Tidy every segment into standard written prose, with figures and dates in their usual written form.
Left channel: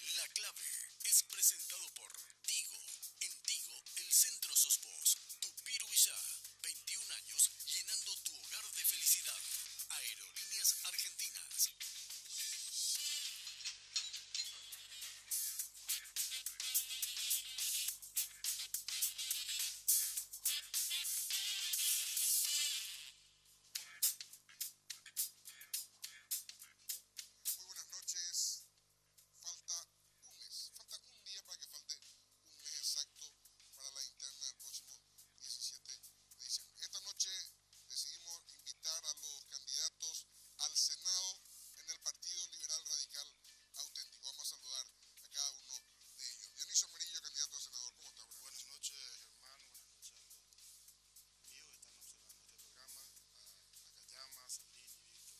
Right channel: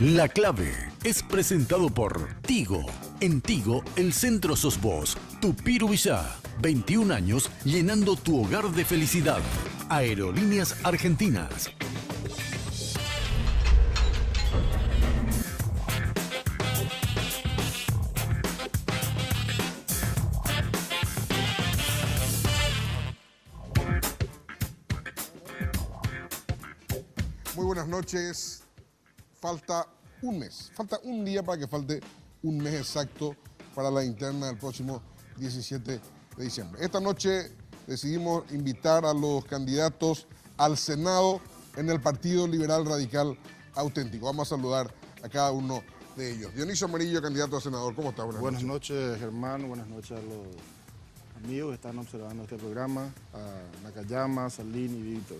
La Clave es presentado por Tigo. En Tigo, el centro sos vos. Tupiru Villá, 21 años llenando tu hogar de felicidad. Aerolíneas Argentinas. Muy buenas noches. Falta un mes, falta un día para que falte un mes exacto para la interna del próximo 17 de diciembre. Esta noche decidimos invitar a los candidatos al Senado en el Partido Liberal Radical Auténtico. Vamos a saludar a cada uno de ellos. Dionisio Amarillo, candidato a senador, ¿cómo está? Buenas noches, Germán. Buenas noches a los amigos que están observando este programa, a Nakayama, Salín y Víctor.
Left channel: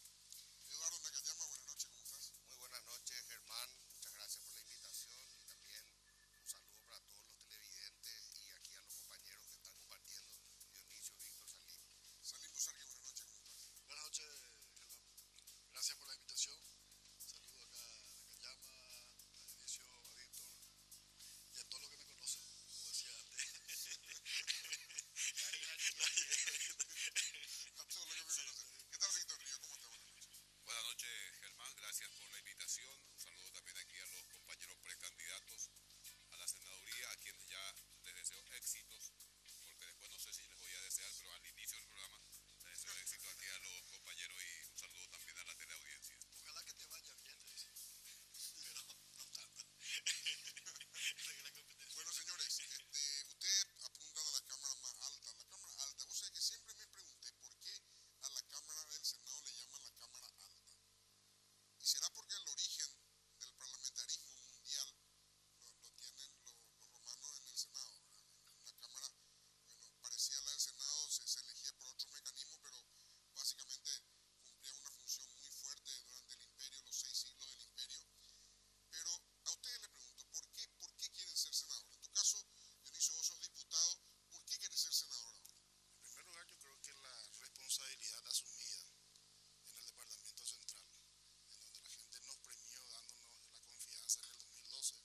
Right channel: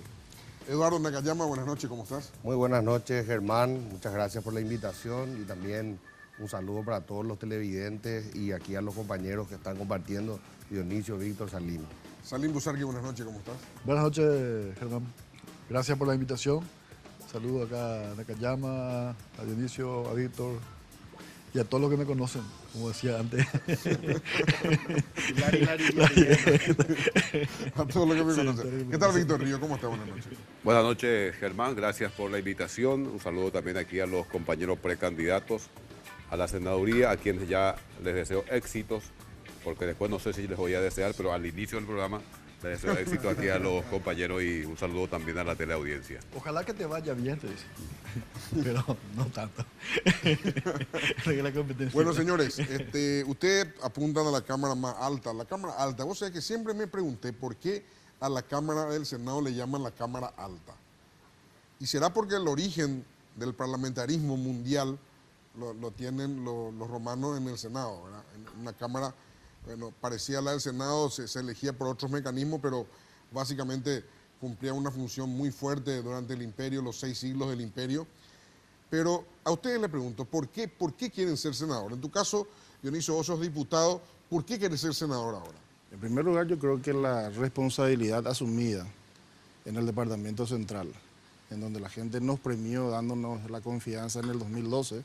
Eduardo Nakayama, buenas noches, ¿cómo estás? Muy buenas noches, Germán. Muchas gracias por la invitación y también un saludo para todos los televidentes y aquí a los compañeros que están compartiendo, Dionisio, Víctor, Salín. Salín Busarqui, buenas noches, ¿cómo estás? Buenas noches, Germán. Gracias por la invitación. Saludo acá a Nakayama, a Dionisio, a Víctor y a todos los que me conocen, como decía antes. A todos los que me conocen. ¿Qué tal, Víctor Río? ¿Cómo está? Buenas noches. Buenas noches, Germán. Gracias por la invitación. Un saludo también aquí a los compañeros precandidatos a la senaduría, a quienes ya les deseo éxitos, porque después no sé si les voy a desear, pero al inicio del programa les deseo éxito aquí a los compañeros y un saludo también a la teleaudiencia. Ojalá que te vaya bien, te dice. Pero no tanto. La competencia. Bueno, señores, ustedes apuntan a la cámara más alta. La cámara alta, vos sabés que siempre me pregunté por qué a la Cámara del Senado le llaman la Cámara Alta. Y será porque el origen del parlamentarismo mundial lo tienen los romanos en el Senado, ¿verdad? En una cámara, bueno, parecía a la del Senado, se elegía por otros mecanismos, pero básicamente cumplía una función muy fuerte durante el imperio, los 6 siglos del imperio. Pero a ustedes les pregunto, ¿por qué quieren ser senador? En tu caso, Dionisio, vos sos diputado, ¿por qué quieres ser senador ahora? En primer lugar, yo creo que la responsabilidad asumida en el Departamento Central, en donde la gente nos premió dándonos la confianza en el 2012,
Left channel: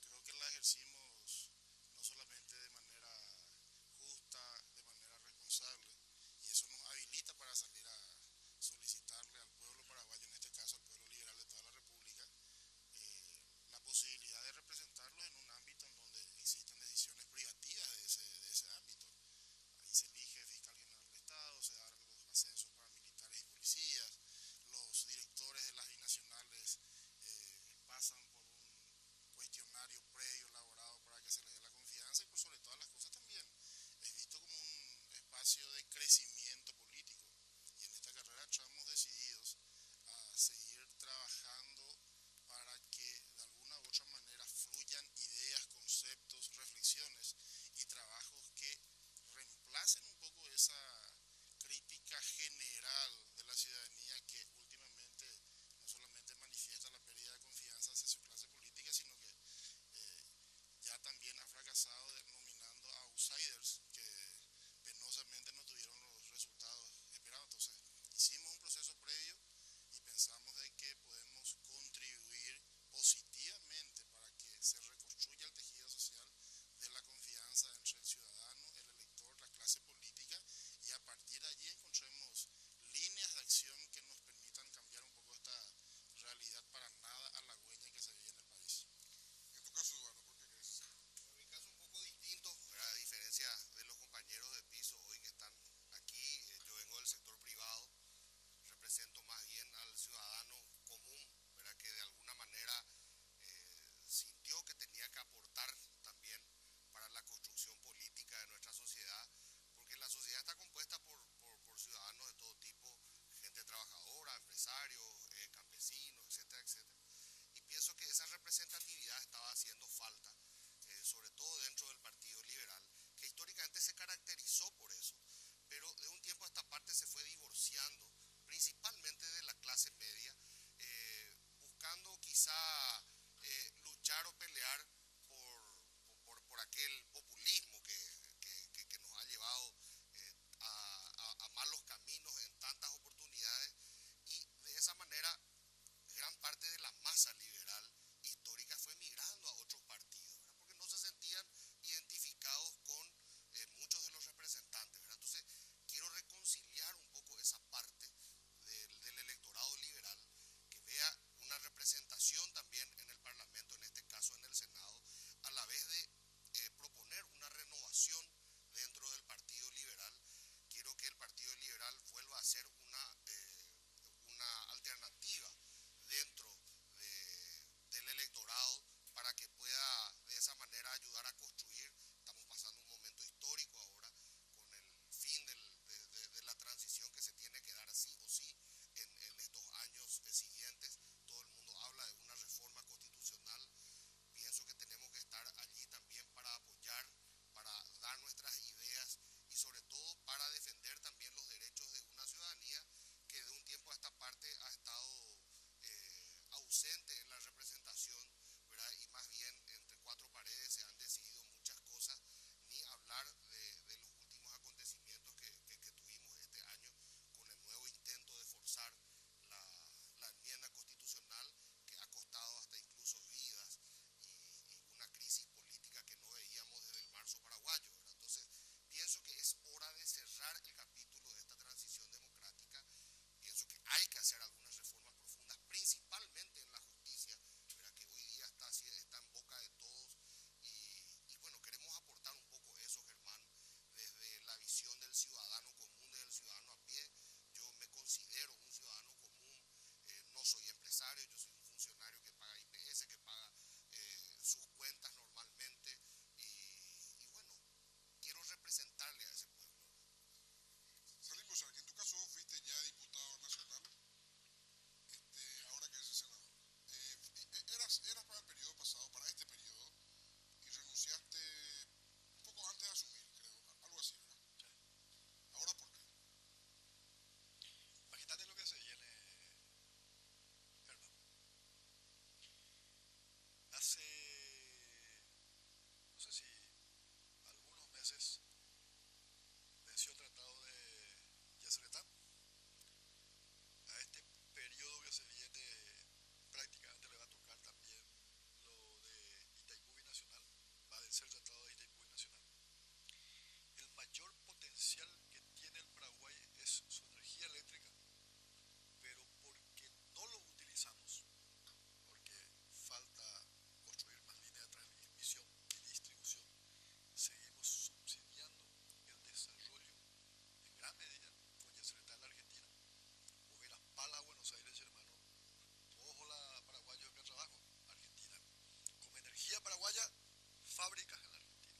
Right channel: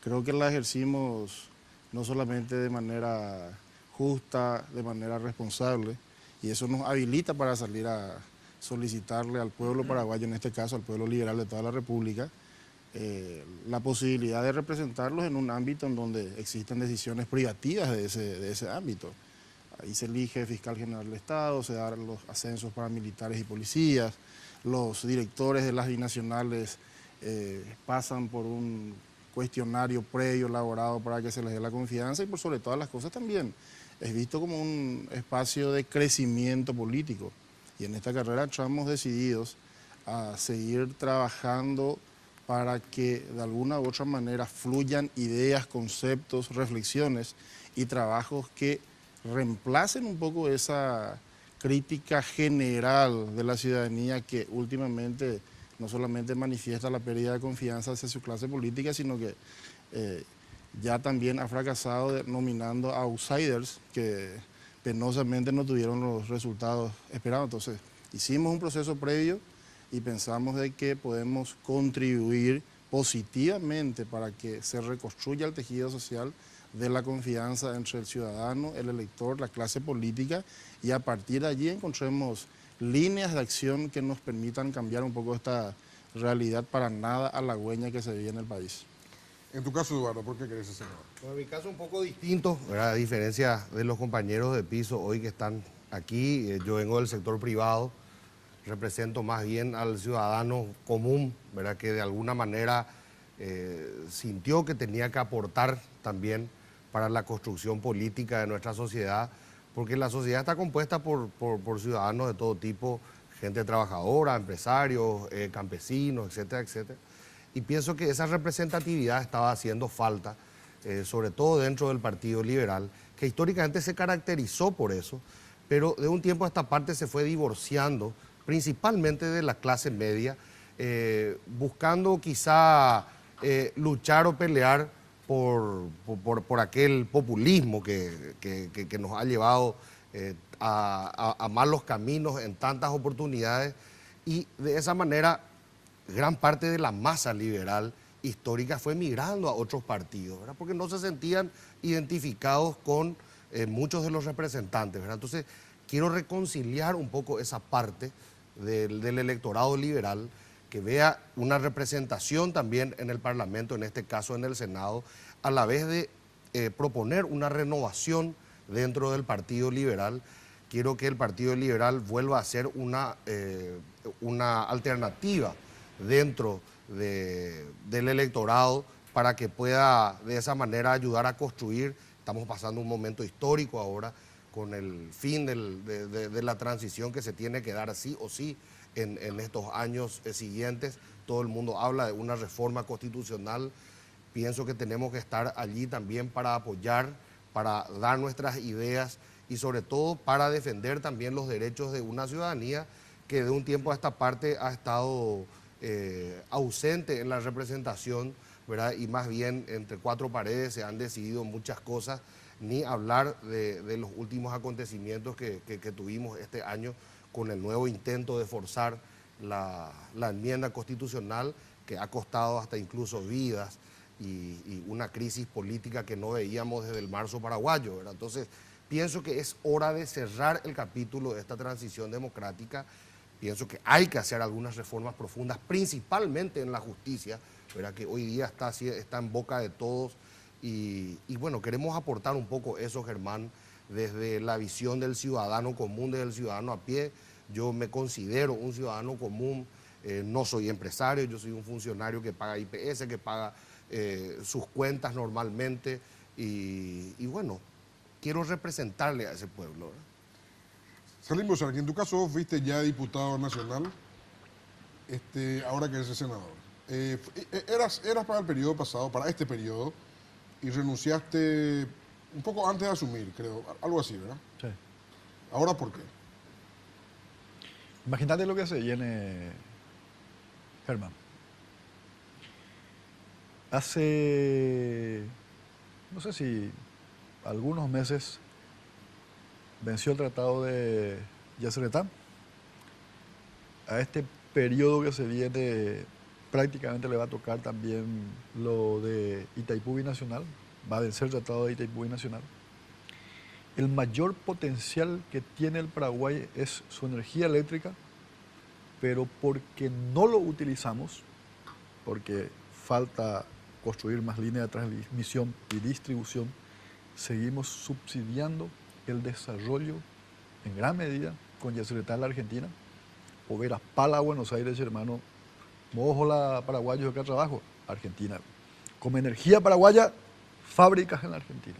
creo que la ejercimos no solamente de manera justa, de manera responsable, y eso nos habilita para salir a solicitarle al pueblo paraguayo, en este caso al pueblo liberal de toda la República, la posibilidad de representarlos en un ámbito en donde existen decisiones privativas de ese ámbito. Ahí se elige fiscal general del Estado, se dan los ascensos para militares y policías, los directores de las binacionales pasan por un cuestionario previo elaborado para que se les dé la confianza y por sobre todas las cosas también es visto como un espacio de crecimiento político. Y en esta carrera estamos decididos a seguir trabajando para que de alguna u otra manera fluyan ideas, conceptos, reflexiones y trabajos que reemplacen un poco esa crítica general de la ciudadanía que últimamente no solamente manifiesta la pérdida de confianza hacia su clase política, sino que ya también ha fracasado nominando a outsiders que penosamente no tuvieron los resultados esperados. Entonces, hicimos un proceso previo y pensamos de que podemos contribuir positivamente para que se reconstruya el tejido social de la confianza entre el ciudadano, el elector, la clase política, y a partir de allí encontremos líneas de acción que nos permitan cambiar un poco esta realidad para nada halagüeña que se vive en el país. En tu caso, Eduardo, ¿por qué querés ser senador? Bueno, en mi caso un poco distinto, ¿verdad? A diferencia de los compañeros de piso hoy que están aquí, yo vengo del sector privado, represento más bien al ciudadano común, ¿verdad? Que de alguna manera sintió que tenía que aportar también para la construcción política de nuestra sociedad, porque la sociedad está compuesta por ciudadanos de todo tipo, gente trabajadora, empresarios, campesinos, etcétera, etcétera. Y pienso que esa representatividad estaba haciendo falta, sobre todo dentro del Partido Liberal, que históricamente se caracterizó por eso, pero de un tiempo a esta parte se fue divorciando, principalmente de la clase media, buscando quizá luchar o pelear por aquel populismo que nos ha llevado a malos caminos en tantas oportunidades, y de esa manera gran parte de la masa liberal histórica fue migrando a otros partidos, ¿verdad? Porque no se sentían identificados con muchos de los representantes, ¿verdad? Entonces, quiero reconciliar un poco esa parte del electorado liberal, que vea una representación también en el Parlamento, en este caso en el Senado, a la vez de proponer una renovación dentro del Partido Liberal. Quiero que el Partido Liberal vuelva a ser una alternativa dentro del electorado para que pueda de esa manera ayudar a construir. Estamos pasando un momento histórico ahora con el fin de la transición que se tiene que dar sí o sí en estos años siguientes. Todo el mundo habla de una reforma constitucional. Pienso que tenemos que estar allí también para apoyar, para dar nuestras ideas y sobre todo para defender también los derechos de una ciudadanía que de un tiempo a esta parte ha estado ausente en la representación, ¿verdad? Y más bien entre cuatro paredes se han decidido muchas cosas, ni hablar de los últimos acontecimientos que tuvimos este año con el nuevo intento de forzar la enmienda constitucional que ha costado hasta incluso vidas y una crisis política que no veíamos desde el marzo paraguayo, ¿verdad? Entonces, pienso que es hora de cerrar el capítulo de esta transición democrática. Pienso que hay que hacer algunas reformas profundas, principalmente en la justicia, ¿verdad? Que hoy día está en boca de todos. Y bueno, queremos aportar un poco eso, Germán, desde la visión del ciudadano común, desde el ciudadano a pie. Yo me considero un ciudadano común, no soy empresario, yo soy un funcionario que paga IPS, que paga sus cuentas normalmente. Y bueno, quiero representarle a ese pueblo, ¿verdad? Salim Bozarqui, en tu caso vos fuiste ya diputado nacional, ahora que eres senador. Eras para el periodo pasado, para este periodo, y renunciaste un poco antes de asumir, creo, algo así, ¿verdad? Sí. ¿Ahora por qué? Imagínate lo que se viene, Germán. Hace, no sé si algunos meses, venció el tratado de Yacyretá. A este periodo que se viene prácticamente le va a tocar también lo de Itaipú Binacional, va a vencer el tratado de Itaipú Binacional. El mayor potencial que tiene el Paraguay es su energía eléctrica, pero porque no lo utilizamos, porque falta construir más líneas de transmisión y distribución, seguimos subsidiando el desarrollo en gran medida con Yacyretá en la Argentina, Poveras Pala, Buenos Aires, hermano, Mojola, paraguayos acá trabajo, Argentina. Como energía paraguaya, fábricas en la Argentina.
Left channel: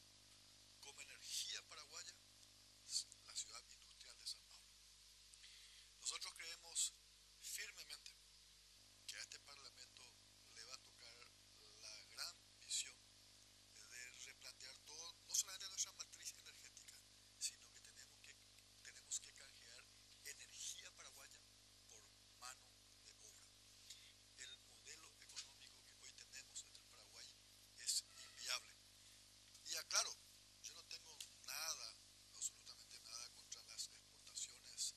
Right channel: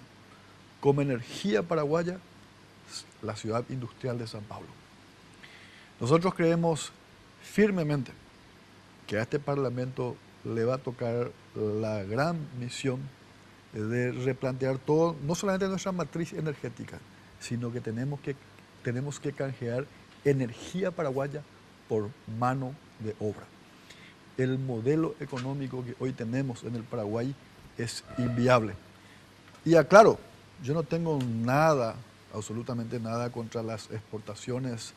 Como energía paraguaya, la ciudad industrial de San Pablo. Nosotros creemos firmemente que a este Parlamento le va a tocar la gran misión de replantear todo, no solamente nuestra matriz energética, sino que tenemos que canjear energía paraguaya por mano de obra. El modelo económico que hoy tenemos en el Paraguay es inviable. Y aclaro, yo no tengo nada, absolutamente nada contra las exportaciones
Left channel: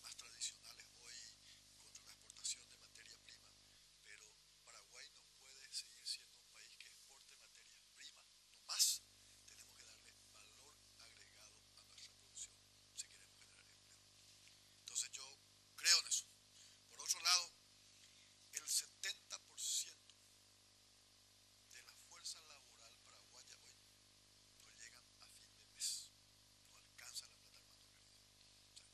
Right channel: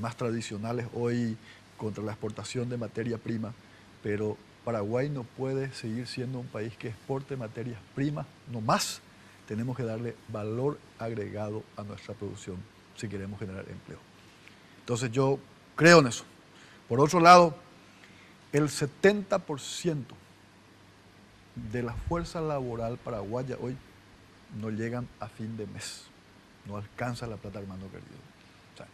más tradicionales hoy, contra la exportación de materia prima, pero Paraguay no puede seguir siendo un país que exporte materias primas, no más. Tenemos que darle valor agregado a nuestra producción si queremos generar empleo. Entonces yo creo en eso. Por otro lado, el 70% de la fuerza laboral paraguaya hoy no llegan a fin de mes. No alcanza la plata, hermano querido. O sea,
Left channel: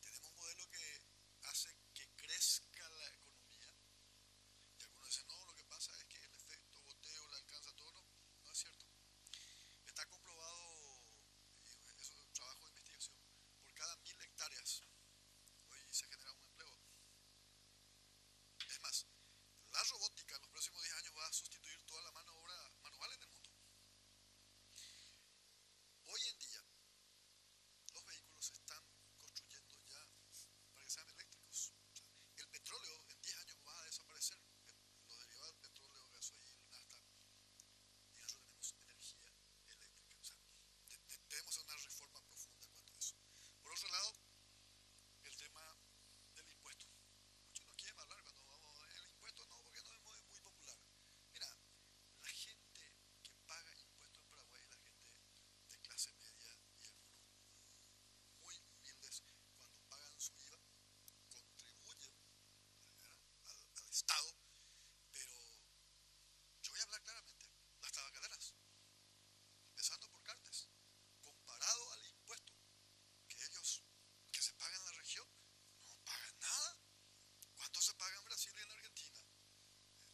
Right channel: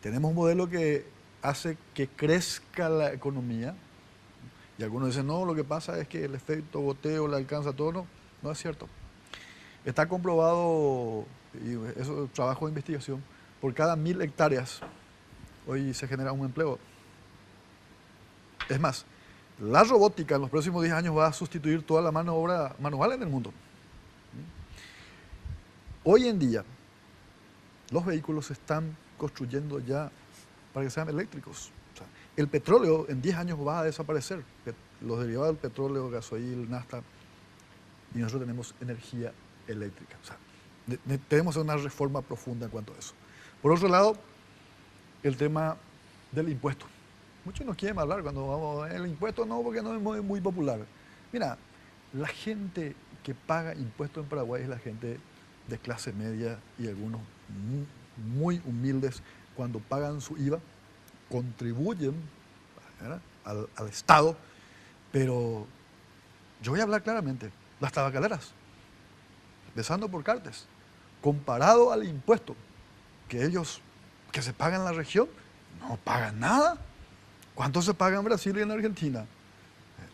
tenemos un modelo que hace que crezca la economía. Y algunos dicen, no, lo que pasa es que el efecto goteo le alcanza todo. No, no es cierto. Está comprobado, y eso es trabajo de investigación, por cada 1000 hectáreas hoy se genera un empleo. Es más, la robótica en los próximos 10 años va a sustituir toda la mano de obra manual en el mundo. Hoy en día, los vehículos se están construyendo ya para que sean eléctricos. O sea, el petróleo en 10 años va a desaparecer. Los derivados del petróleo, gasoil, nafta, y nosotros tenemos energía eléctrica. O sea, tenemos una reforma profunda en cuanto a eso. Por otro lado, el tema del impuesto. Muchos nos quieren hablar cuando vamos, el impuesto no, porque no es muy popular. Mira, la gente que paga impuestos en Paraguay es la gente de clase media y algunos muy humildes. Cuando pagan su IVA, contribuyen, ¿verdad?, al Estado, pero yo voy a hablar claramente. Las tabacaleras, empezando por Cartes, comparado al impuesto que ellos, que se paga en la región, no pagan nada. ¿Cuánto se paga en Brasil y en Argentina?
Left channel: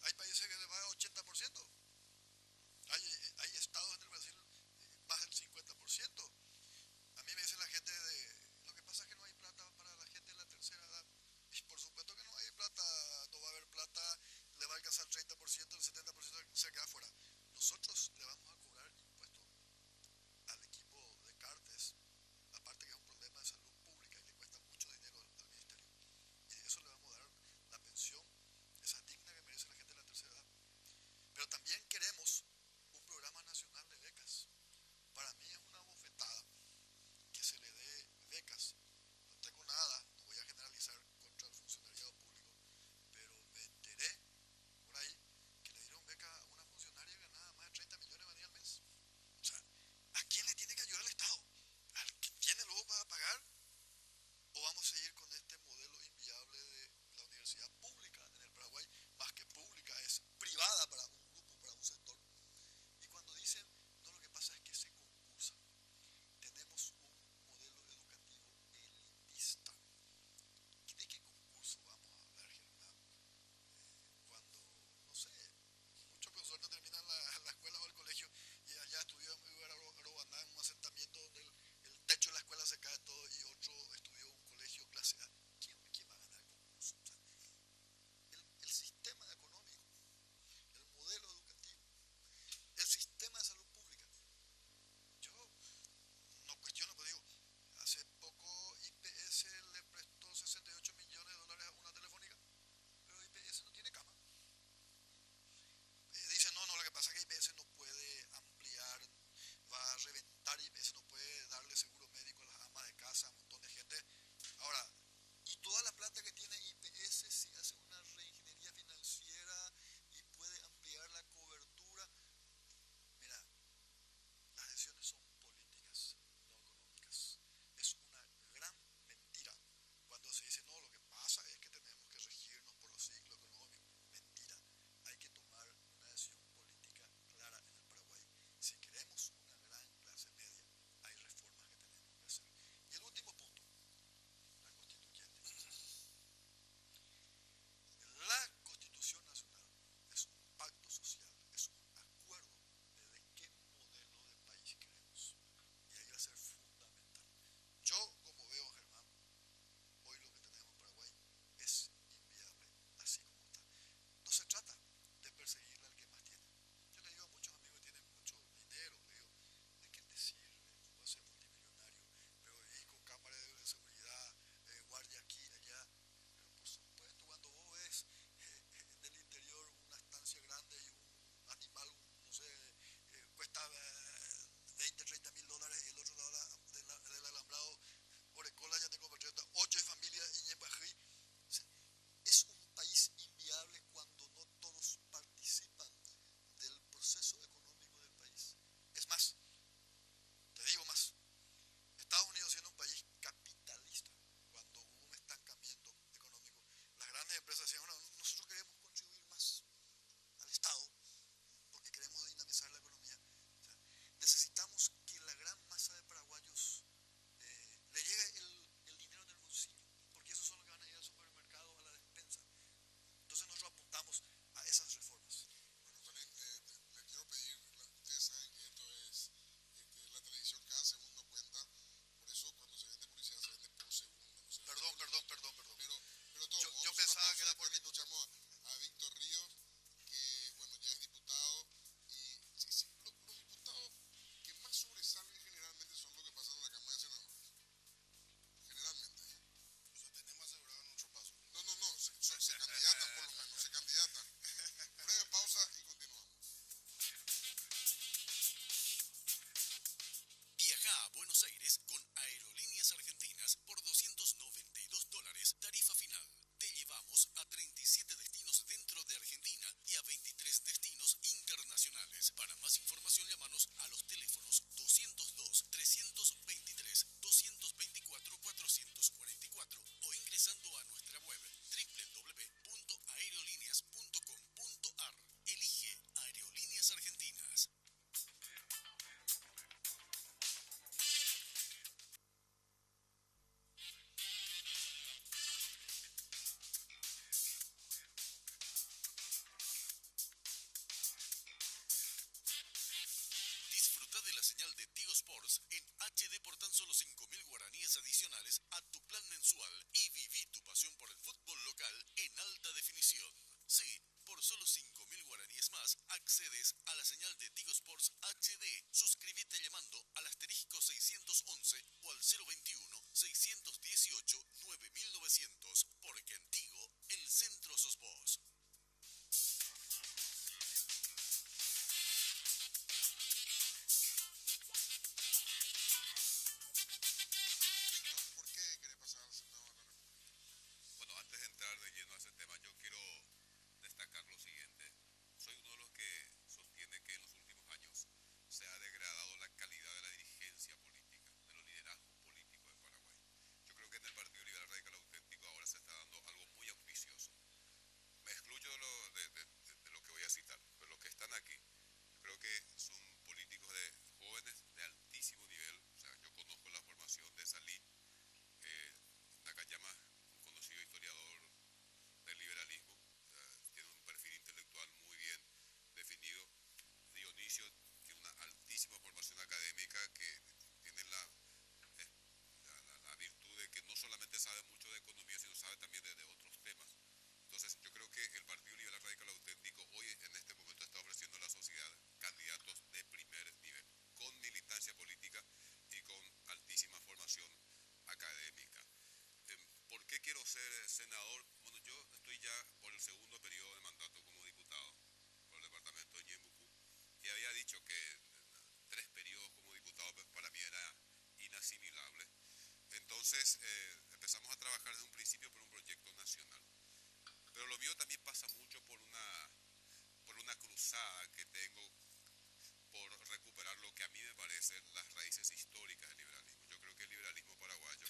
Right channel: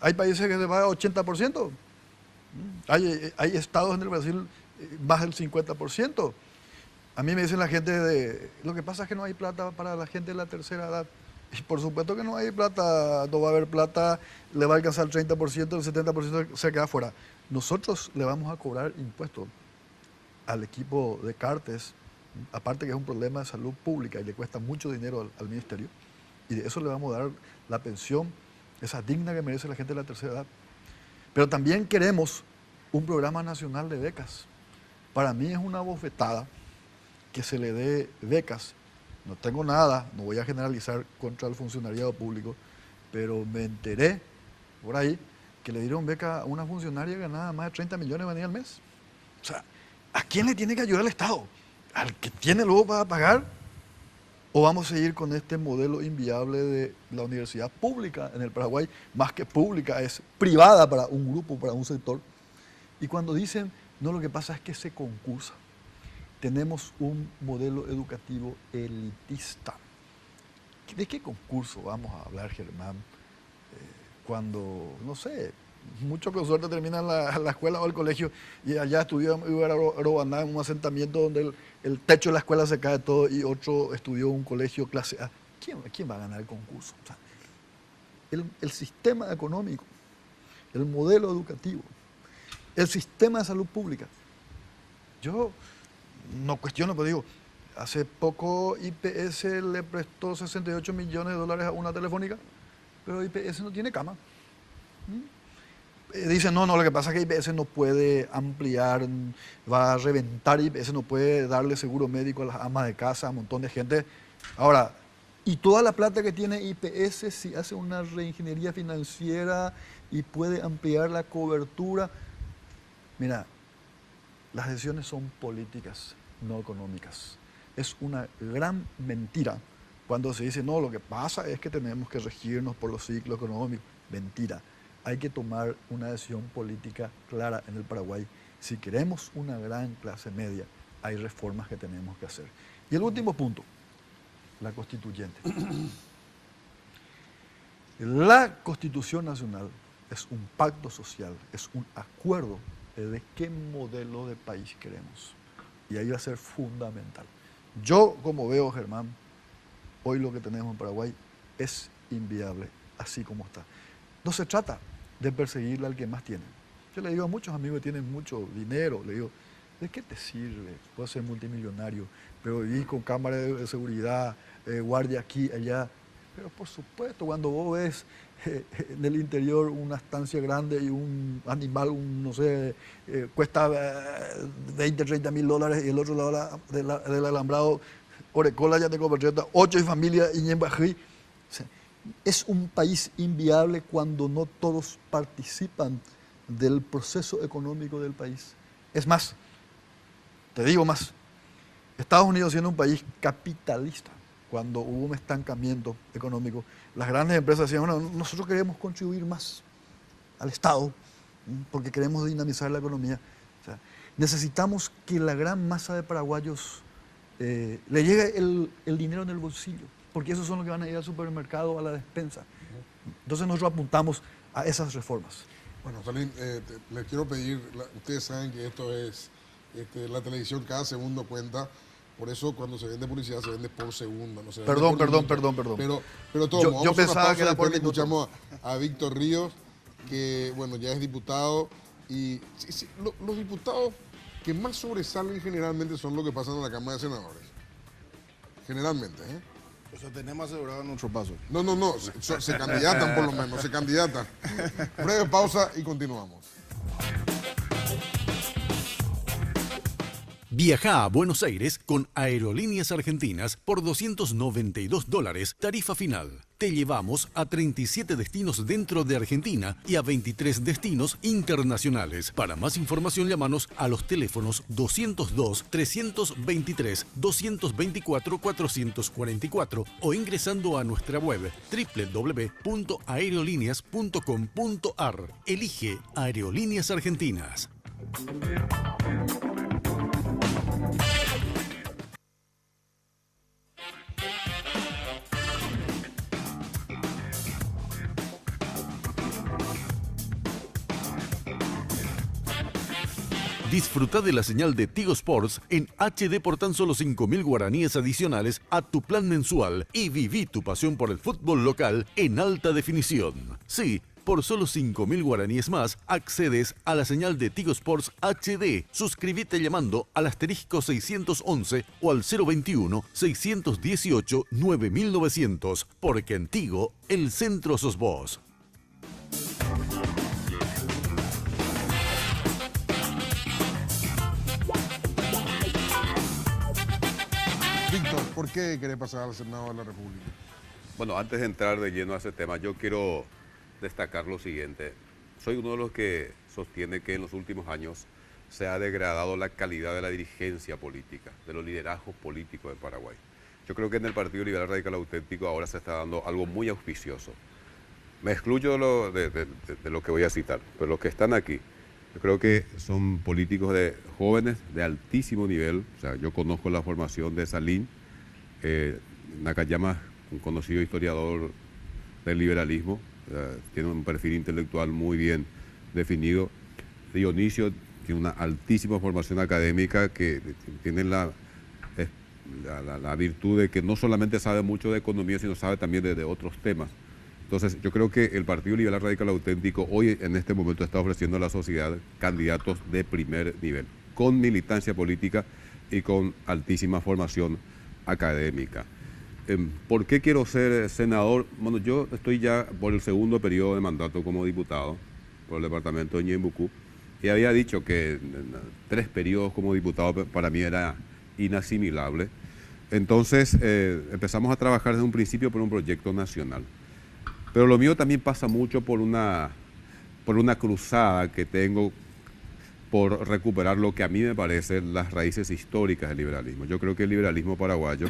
Hay países que se paga 80%. Hay estados en el Brasil más del 50%. A mí me dicen la gente lo que pasa es que no hay plata para la gente de la tercera edad. Y por supuesto que no hay plata, no va a haber plata, le va a alcanzar el 30%, el 70% se queda fuera. Nosotros le vamos a cobrar impuestos al equipo de Cartes, aparte que es un problema de salud pública y le cuesta mucho dinero al ministerio, y de eso le vamos a dar la pensión, esa digna que merece la gente de la tercera edad. Pero también queremos un programa nacional de becas. Para mí es una bofetada que se le dé becas. No tengo nada, no voy a generalizar contra el funcionariado público, pero me enteré por ahí que le dieron beca a una funcionaria que ganaba más de 30 millones venía al mes. O sea, ¿a quién le tiene que ayudar el Estado? ¿Al que tiene luego para pagar? ¿O vamos a seguir con este modelo inviable de la universidad pública en el Paraguay? Más que pública, es privada para un grupo, para un sector. Y cuando dicen, no, lo que pasa es que se concursa. Tenemos un modelo educativo elitista. ¿De qué concurso vamos a hablar, Germán? Cuando, no sé, muchos con suerte terminan la escuela o el colegio y allá estudió en Arobaná, en un asentamiento donde el techo de la escuela se cae todo y otro estudió en un colegio clase A. ¿Quién va a ganar el concurso? O sea, el sistema económico, el modelo educativo, el sistema de salud pública. Yo no cuestiono, pero digo, hace poco IPS le prestó 68 millones de dólares a una telefónica, pero IPS no tiene cama. Dicen, no, lo que pasa es que IPS no puede ampliar, va a reventar, IPS no puede darle seguro médico a las amas de casa, a un montón de gente. Ahora, y toda la plata que tiene IPS, si hace una reingeniería financiera y puede ampliar la cobertura, mira, las decisiones son políticas, no económicas. Es una gran mentira cuando se dice, no, lo que pasa es que tenemos que regirnos por los ciclos económicos. Mentira. Hay que tomar una decisión política clara en el Paraguay. Si queremos una gran clase media, hay reformas que tenemos que hacer. Y el último punto, la constituyente. La Constitución Nacional es un pacto social, es un acuerdo de qué modelo de país queremos. Y ahí va a ser fundamental. Yo, como veo, Germán, hoy lo que tenemos en Paraguay es inviable, así como está. No se trata de perseguirle al que más tiene. Yo le digo a muchos amigos que tienen mucho dinero, le digo, ¿de qué te sirve? Puedes ser multimillonario, pero vivir con cámara de seguridad, guardia aquí, allá. Pero por supuesto, cuando vos ves en el interior una estancia grande y un animal, no sé, cuesta 20, 30 mil dólares y el otro lado del alambrado, Orecola, Yatecopercheta, 8 y familia y Ñembají. O sea, es un país inviable cuando no todos participan del proceso económico del país. Es más, te digo más, Estados Unidos siendo un país capitalista, cuando hubo un estancamiento económico, las grandes empresas decían, bueno, nosotros queremos contribuir más al Estado porque queremos dinamizar la economía. O sea, necesitamos que la gran masa de paraguayos le llegue el dinero en el bolsillo, porque esos son los que van a ir al supermercado, a la despensa. Entonces nosotros apuntamos a esas reformas. Bueno, Salim, les quiero pedir, ustedes saben que esto es, la televisión cada segundo cuenta, por eso cuando se vende publicidad se vende por segundo. No se vende Perdón. Pero todo, yo pensaba que era por minuto. Escuchamos a Víctor Ríos, que bueno, ya es diputado, y los diputados que más sobresalen generalmente son los que pasan a la Cámara de Senadores. Generalmente, ¿eh? O sea, tenemos asegurado nuestro paso. No, se candidatan por lo menos, se candidatan. Breve pausa y continuamos. Viaja a Buenos Aires con Aerolíneas Argentinas por $292, tarifa final. Te llevamos a 37 destinos dentro de Argentina y a 23 destinos internacionales. Para más información, llámanos a los teléfonos 202-323-224-444 o ingresando a nuestra web www.aerolíneas.com.ar. Elige Aerolíneas Argentinas. Disfruta de la señal de Tigo Sports en HD por tan solo 5.000 guaraníes adicionales a tu plan mensual y viví tu pasión por el fútbol local en alta definición. Sí, por solo 5.000 guaraníes más accedes a la señal de Tigo Sports HD. Suscríbete llamando al asterisco 611 o al 021-618-9900, porque en Tigo el centro sos vos. Víctor, ¿por qué querés pasar al Senado de la República? Bueno, antes de entrar de lleno a ese tema, yo quiero destacar lo siguiente. Soy uno de los que sostiene que en los últimos años se ha degradado la calidad de la dirigencia política, de los liderazgos políticos de Paraguay. Yo creo que en el Partido Liberal Radical Auténtico ahora se está dando algo muy auspicioso. Me excluyo de lo que voy a citar, pero los que están aquí, yo creo que son políticos jóvenes de altísimo nivel. O sea, yo conozco la formación de Salín, Nakayama, un conocido historiador del liberalismo, tiene un perfil intelectual muy bien definido. Dionisio tiene una altísima formación académica que tiene la virtud de que no solamente sabe mucho de economía, sino sabe también de otros temas. Entonces, yo creo que el Partido Liberal Radical Auténtico hoy, en este momento, está ofreciendo a la sociedad candidatos de primer nivel, con militancia política y con altísima formación académica. ¿Por qué quiero ser senador? Bueno, yo estoy ya por el segundo periodo de mandato como diputado por el departamento de Ñembucú y había dicho que 3 periodos como diputado para mí era inasimilable. Entonces, empezamos a trabajar desde un principio por un proyecto nacional. Pero lo mío también pasa mucho por una cruzada que tengo por recuperar lo que a mí me parece las raíces históricas del liberalismo. Yo creo que el liberalismo paraguayo,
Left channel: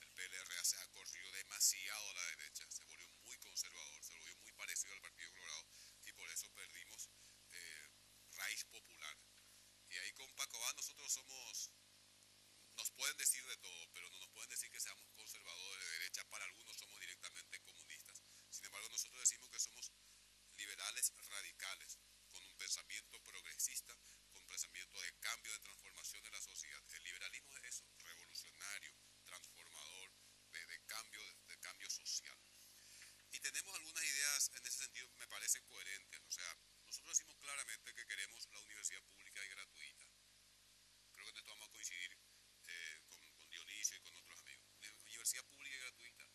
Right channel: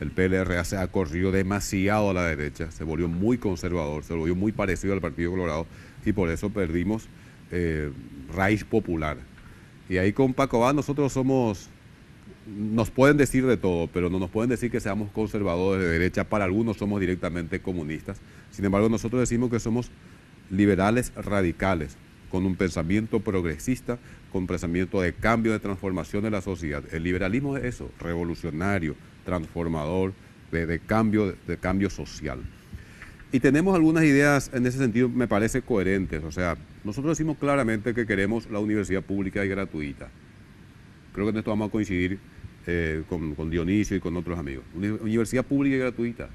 el PLRA, se ha corrido demasiado a la derecha, se volvió muy conservador, se volvió muy parecido al Partido Colorado y por eso perdimos raíz popular. Y ahí con Paco Abad nosotros nos pueden decir de todo, pero no nos pueden decir que seamos conservadores de derecha. Para algunos somos directamente comunistas. Sin embargo, nosotros decimos que somos liberales radicales, con un pensamiento progresista, con un pensamiento de cambio, de transformación de la sociedad. El liberalismo es eso, revolucionario, transformador, de cambio social. Y tenemos algunas ideas en ese sentido, me parece coherentes. O sea, nosotros decimos claramente que queremos la universidad pública y gratuita. Creo que en esto vamos a coincidir con Dionisio y con otros amigos. Universidad pública y gratuita.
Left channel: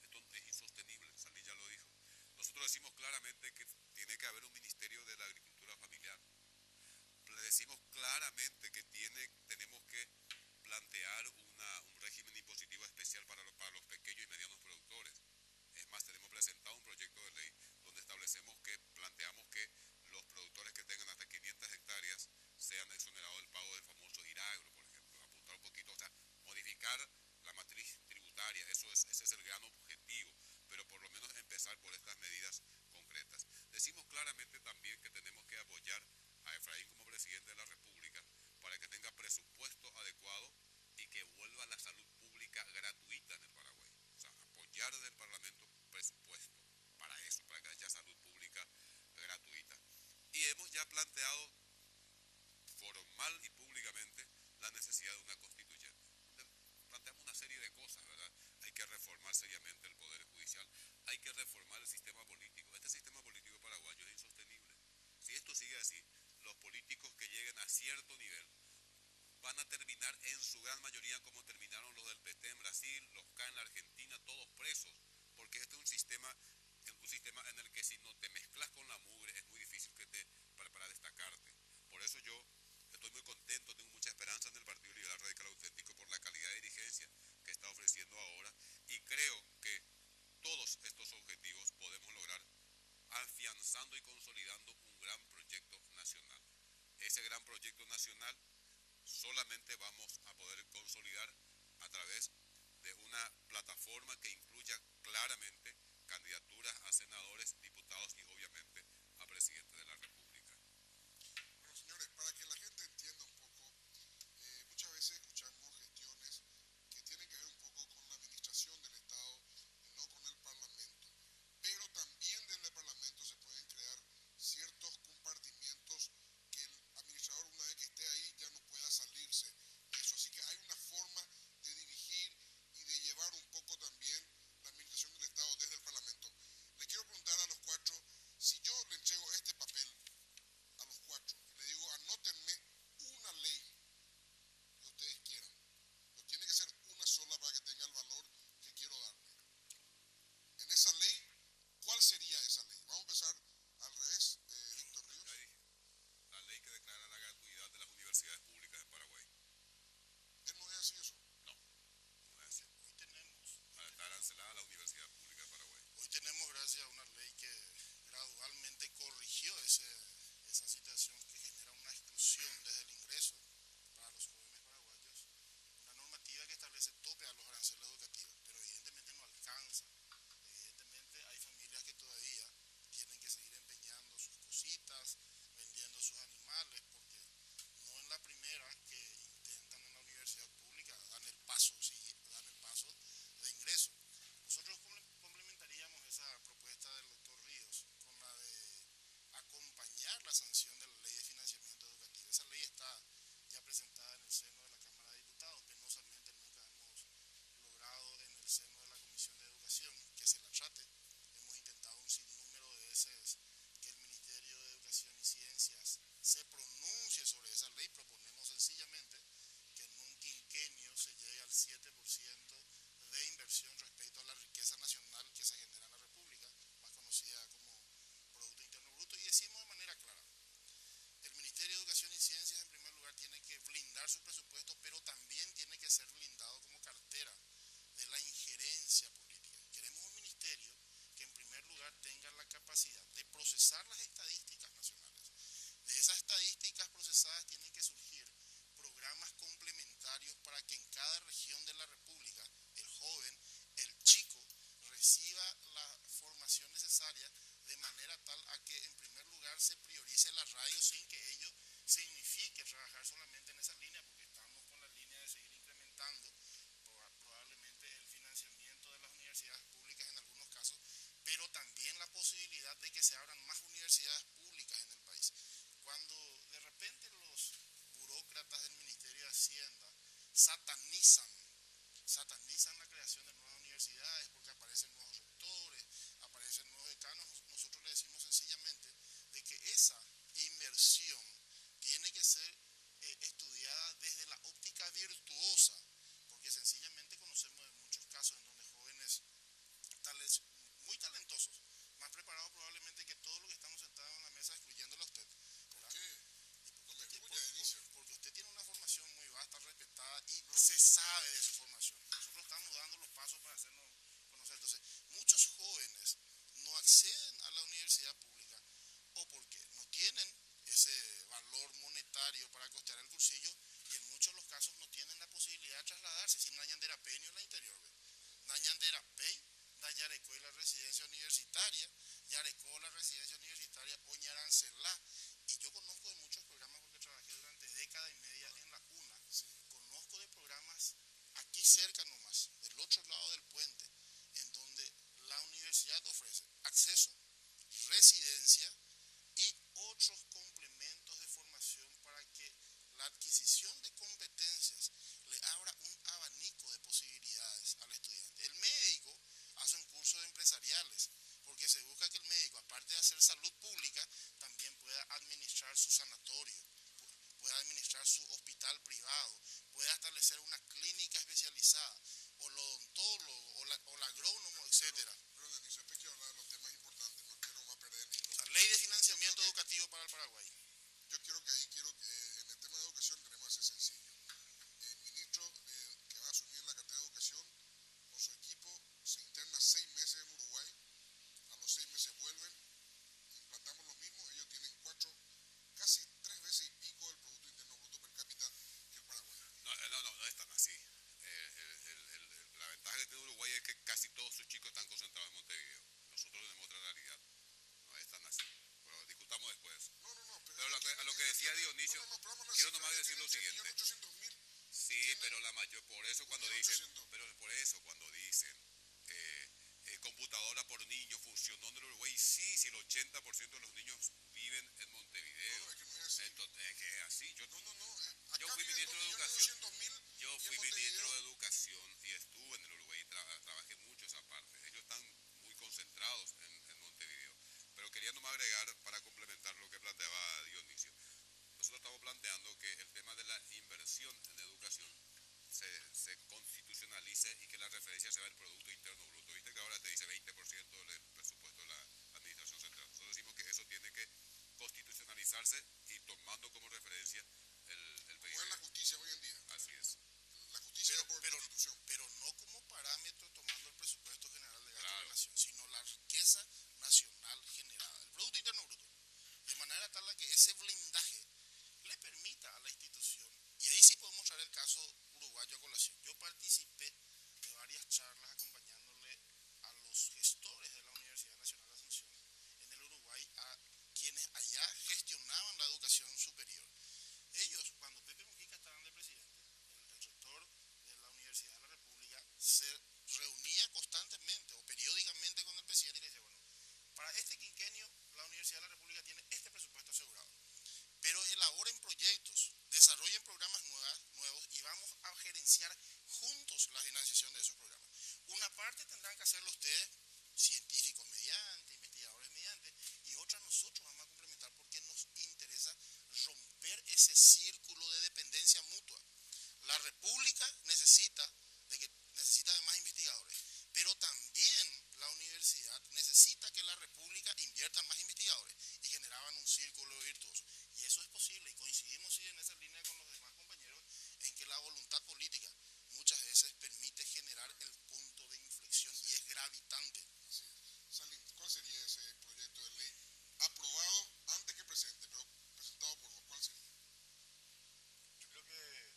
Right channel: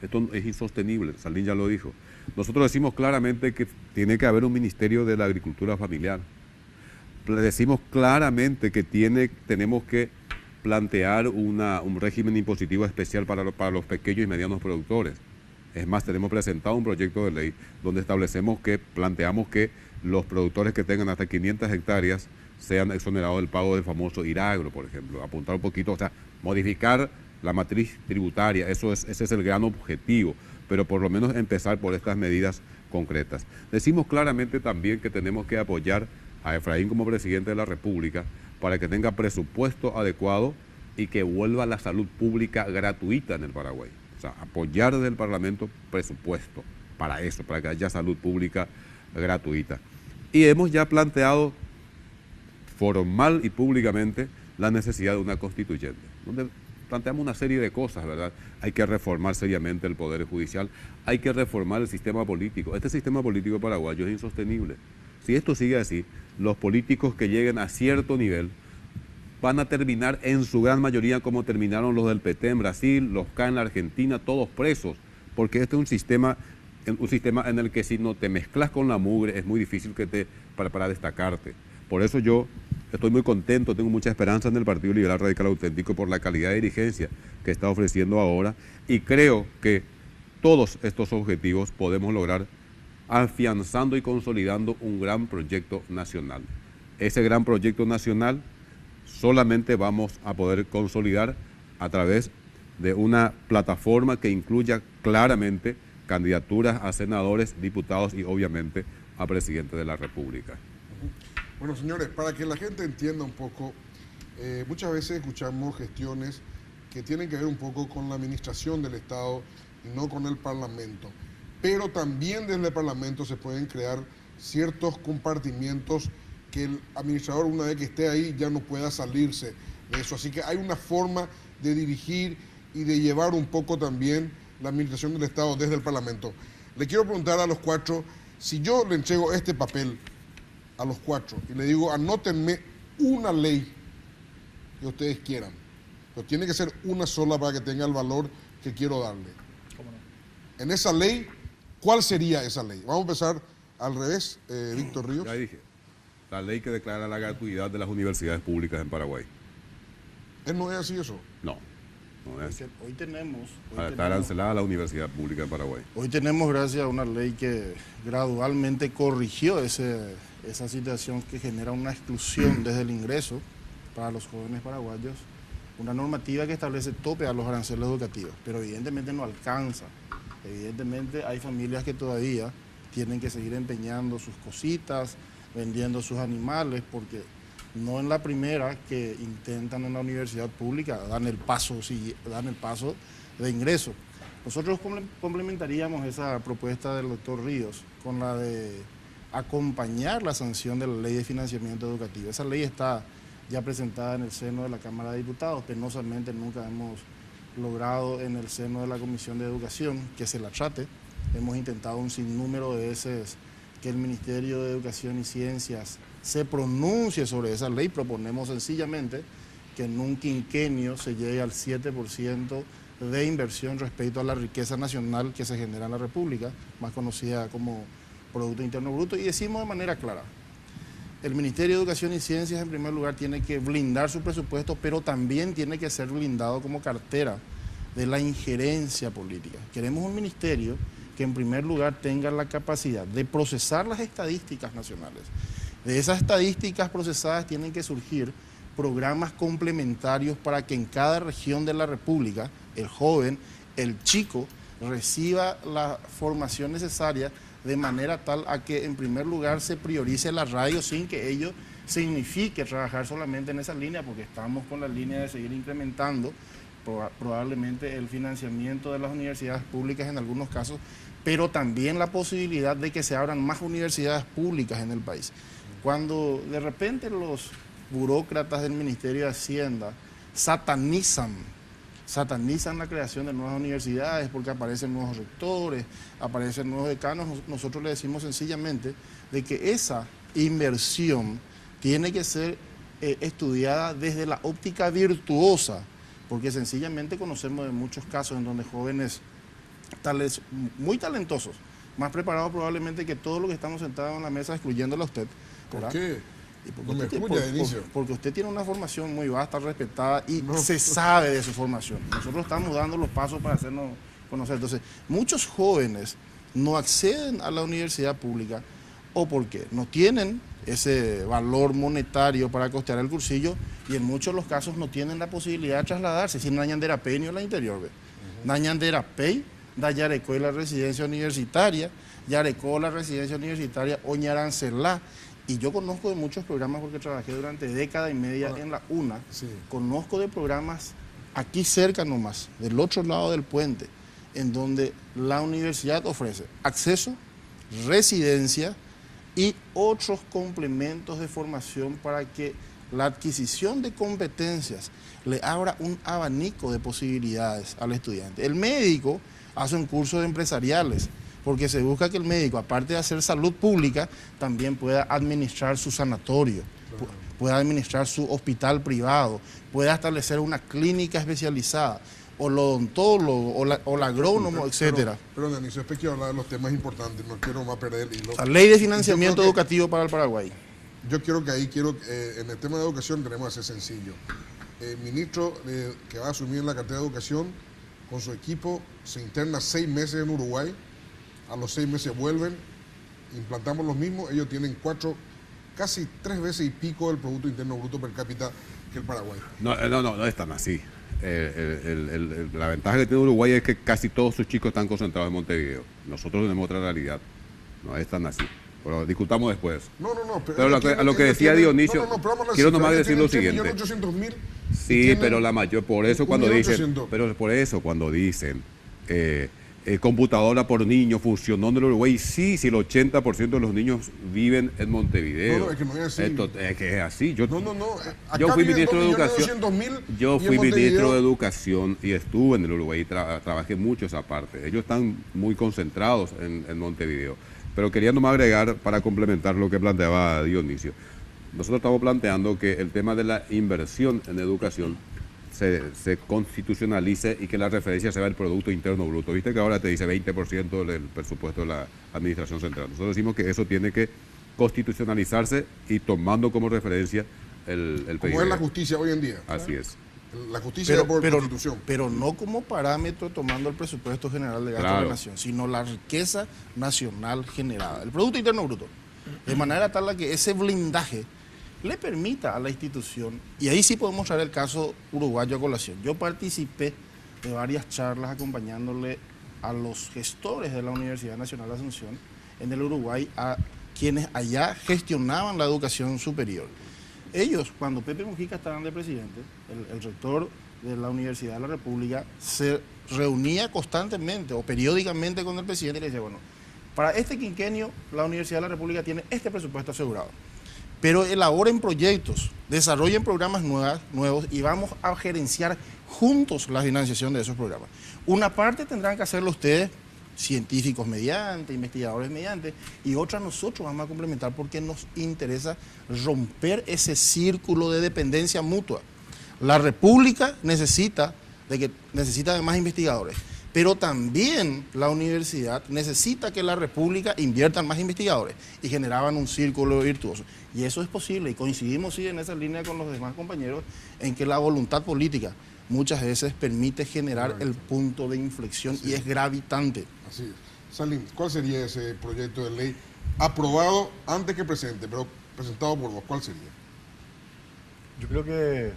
Esto es insostenible, Saldín ya lo dijo. Nosotros decimos claramente que tiene que haber un ministerio de la agricultura familiar. Decimos claramente que tenemos que plantear un régimen impositivo especial para los pequeños y medianos productores. Es más, tenemos presentado un proyecto de ley donde planteamos que los productores que tengan hasta 500 hectáreas sean exonerados del pago del famoso IRAGRO, por ejemplo. Apuntar un poquito, o sea, modificar la matriz tributaria, ese es el gran objetivo, pero por lo menos empezar por estas medidas concretas. Decimos claramente también que tenemos que apoyar a Efraín como presidente de la República para que tenga presupuesto adecuado y que vuelva la salud pública gratuita en el Paraguay. O sea, apoyar desde el Parlamento presupuesto para eso, para que haya salud pública gratuita. Y hemos ya planteado formal y públicamente la necesidad de una constituyente, donde planteamos una serie de cosas, ¿verdad? Hay que reformar seriamente el Poder Judicial, hay que reformar el sistema político. Este sistema político paraguayo es insostenible. Si esto sigue así, los políticos que lleguen a cierto nivel van a terminar en su gran mayoría como terminaron los del PT en Brasil, los K en la Argentina, todos presos, porque este es un sistema en el que si no te mezclas con la mugre es muy difícil para destacarte. Por eso yo estoy muy contento, tengo mucha esperanza en el Partido Liberal Radical Auténtico por la calidad de dirigencia que está ofreciendo ahora y creo que todos estos objetivos podemos lograr afianzando y consolidando un gran proyecto nacional. Ese gran proyecto nacional solamente vamos a poder consolidar a través de una plataforma que incluya claramente candidaturas a senadores, diputados y obviamente a presidente de la República. Bueno, señores, para que la gente entienda un poco, muchas veces escuchamos gestiones que tienen que ver un poco con la administración del Estado y no con el Parlamento. Pero también desde el Parlamento se pueden crear ciertos compartimientos que el administrador, una vez que esté ahí, ya no pueda salirse de eso. Así que hay una forma de dirigir y de llevar un poco también la administración del Estado desde el Parlamento. Le quiero preguntar a los cuatro, si yo le entrego este papel a los cuatro y le digo, anótenme una ley que ustedes quieran, pero tiene que ser una sola para que tenga el valor que quiero darle. ¿Cómo no? En esa ley, ¿cuál sería esa ley? Vamos a empezar al revés, Víctor Ríos. Ya dije, la ley que declara la gratuidad de las universidades públicas en Paraguay. ¿No es así eso? No, no es. Hoy tenemos, Está arancelada la universidad pública en Paraguay. hoy tenemos, gracias a una ley que gradualmente corrigió esa situación que genera una exclusión desde el ingreso para los jóvenes paraguayos, una normativa que establece tope a los aranceles educativos, pero evidentemente no alcanza. Evidentemente hay familias que todavía tienen que seguir empeñando sus cositas, vendiendo sus animales, porque no en la primera que intentan en la universidad pública dan el paso de ingreso. Nosotros complementaríamos esa propuesta del doctor Ríos con la de acompañar la sanción de la ley de financiamiento educativo. Esa ley está ya presentada en el seno de la Cámara de Diputados, penosamente nunca hemos logrado en el seno de la Comisión de Educación que se la trate. Hemos intentado un sinnúmero de veces que el Ministerio de Educación y Ciencias se pronuncie sobre esa ley. Proponemos sencillamente que en un quinquenio se llegue al 7% de inversión respecto a la riqueza nacional que se genera en la República, más conocida como Producto Interno Bruto, y decimos de manera clara, el Ministerio de Educación y Ciencias en primer lugar tiene que blindar su presupuesto, pero también tiene que ser blindado como cartera de la injerencia política. Queremos un ministerio que en primer lugar tenga la capacidad de procesar las estadísticas nacionales. De esas estadísticas procesadas tienen que surgir programas complementarios para que en cada región de la República el joven, el chico, reciba la formación necesaria de manera tal a que en primer lugar se priorice la radio sin que ello signifique trabajar solamente en esa línea, porque estamos con la línea de seguir incrementando probablemente el financiamiento de las universidades públicas en algunos casos, pero también la posibilidad de que se abran más universidades públicas en el país. Cuando de repente los burócratas del Ministerio de Hacienda satanizan la creación de nuevas universidades porque aparecen nuevos rectores, aparecen nuevos decanos, nosotros le decimos sencillamente de que esa inversión tiene que ser estudiada desde la óptica virtuosa, porque sencillamente conocemos de muchos casos en donde jóvenes muy talentosos, más preparados probablemente que todos los que estamos sentados en la mesa, excluyéndole a usted. ¿Por qué? No me escucha, Inicio. Porque usted tiene una formación muy vasta, respetada y se sabe de su formación. Nosotros estamos dando los pasos para hacernos conocer. Entonces, muchos jóvenes no acceden a la universidad pública o porque no tienen ese valor monetario para costear el cursillo y en muchos de los casos no tienen la posibilidad de trasladarse. Si Nañandera Pei ni en la interior, ve. Nañandera Pei, da Yarecó la residencia universitaria, Yarecó la residencia universitaria Oñarancelá. Y yo conozco de muchos programas porque trabajé durante década y media en la UNA. Sí. Conozco de programas aquí cerca nomás, del otro lado del puente, en donde la universidad ofrece acceso, residencia y otros complementos de formación para que la adquisición de competencias le abra un abanico de posibilidades al estudiante. El médico hace un curso de empresariales, porque se busca que el médico, aparte de hacer salud pública, también pueda administrar su sanatorio, pueda administrar su hospital privado, pueda establecer una clínica especializada, o el odontólogo, o el agrónomo, etcétera. Pero Dionisio, después quiero hablar de los temas importantes, no quiero más perder el hilo. La ley de financiamiento educativo para el Paraguay. Yo quiero que ahí, en el tema de educación tenemos que ser sencillo. El ministro que va a asumir la cartera de educación con su equipo, se interna 6 meses en Uruguay, a los 6 meses vuelven, implantamos los mismos, ellos tienen 4, casi 3 veces y pico el Producto Interno Bruto per cápita que el Paraguay. No es tan así. La ventaja que tiene Uruguay es que casi todos sus chicos están concentrados en Montevideo. Nosotros tenemos otra realidad. No es tan así. Pero discutamos después. No. Pero a lo que decía Dionisio, quiero nomás decir lo siguiente. 1.800.000. Sí, pero la mayor, por eso cuando dicen, 1.800.000. pero por eso cuando dicen computadora por niño funcionó en el Uruguay, sí, si el 80% de los niños viven en Montevideo. No, es que no es así. Es que es así. Yo Acá fui viven ministro de 2.200.000 Yo y en fui ministro Montevideo- de Educación y estuve en el Uruguay y trabajé mucho esa parte. Ellos están muy concentrados en Montevideo. Pero quería nomás agregar para complementar lo que planteaba Dionisio. Nosotros estamos planteando que el tema de la inversión en educación se constitucionalice y que la referencia sea el Producto Interno Bruto. Viste que ahora te dice 20% del presupuesto de la Administración Central. Nosotros decimos que eso tiene que constitucionalizarse y tomando como referencia el PIB. Como es la justicia hoy en día. Así es. La justicia por constitución. pero no como parámetro tomando el presupuesto general de gasto de Claro. la nación, sino la riqueza nacional generada, el Producto Interno Bruto. De manera tal a que ese blindaje le permita a la institución, y ahí sí podemos traer el caso uruguayo a colación. Yo participé de varias charlas acompañándole a los gestores de la Universidad Nacional de Asunción en el Uruguay, a quienes allá gestionaban la educación superior. Ellos, cuando Pepe Mujica estaba de presidente, el rector de la Universidad de la República se reunía constantemente o periódicamente con el presidente y le decía, bueno, para este quinquenio la Universidad de la República tiene este presupuesto asegurado, pero elaboren proyectos, desarrollen programas nuevos y vamos a gerenciar juntos la financiación de esos programas. Una parte tendrán que hacerlo ustedes, científicos mediante, investigadores mediante, y otra nosotros vamos a complementar porque nos interesa romper ese círculo de dependencia mutua. La República necesita de más investigadores, pero también la universidad necesita que la República invierta en más investigadores y generaban un círculo virtuoso. Y eso es posible y coincidimos sí en esa línea con los demás compañeros en que la voluntad política muchas veces permite generar el punto de inflexión y es gravitante. Así es. Salim, ¿cuál sería ese proyecto de ley aprobado antes que presente, pero presentado por vos? ¿Cuál sería? Yo creo que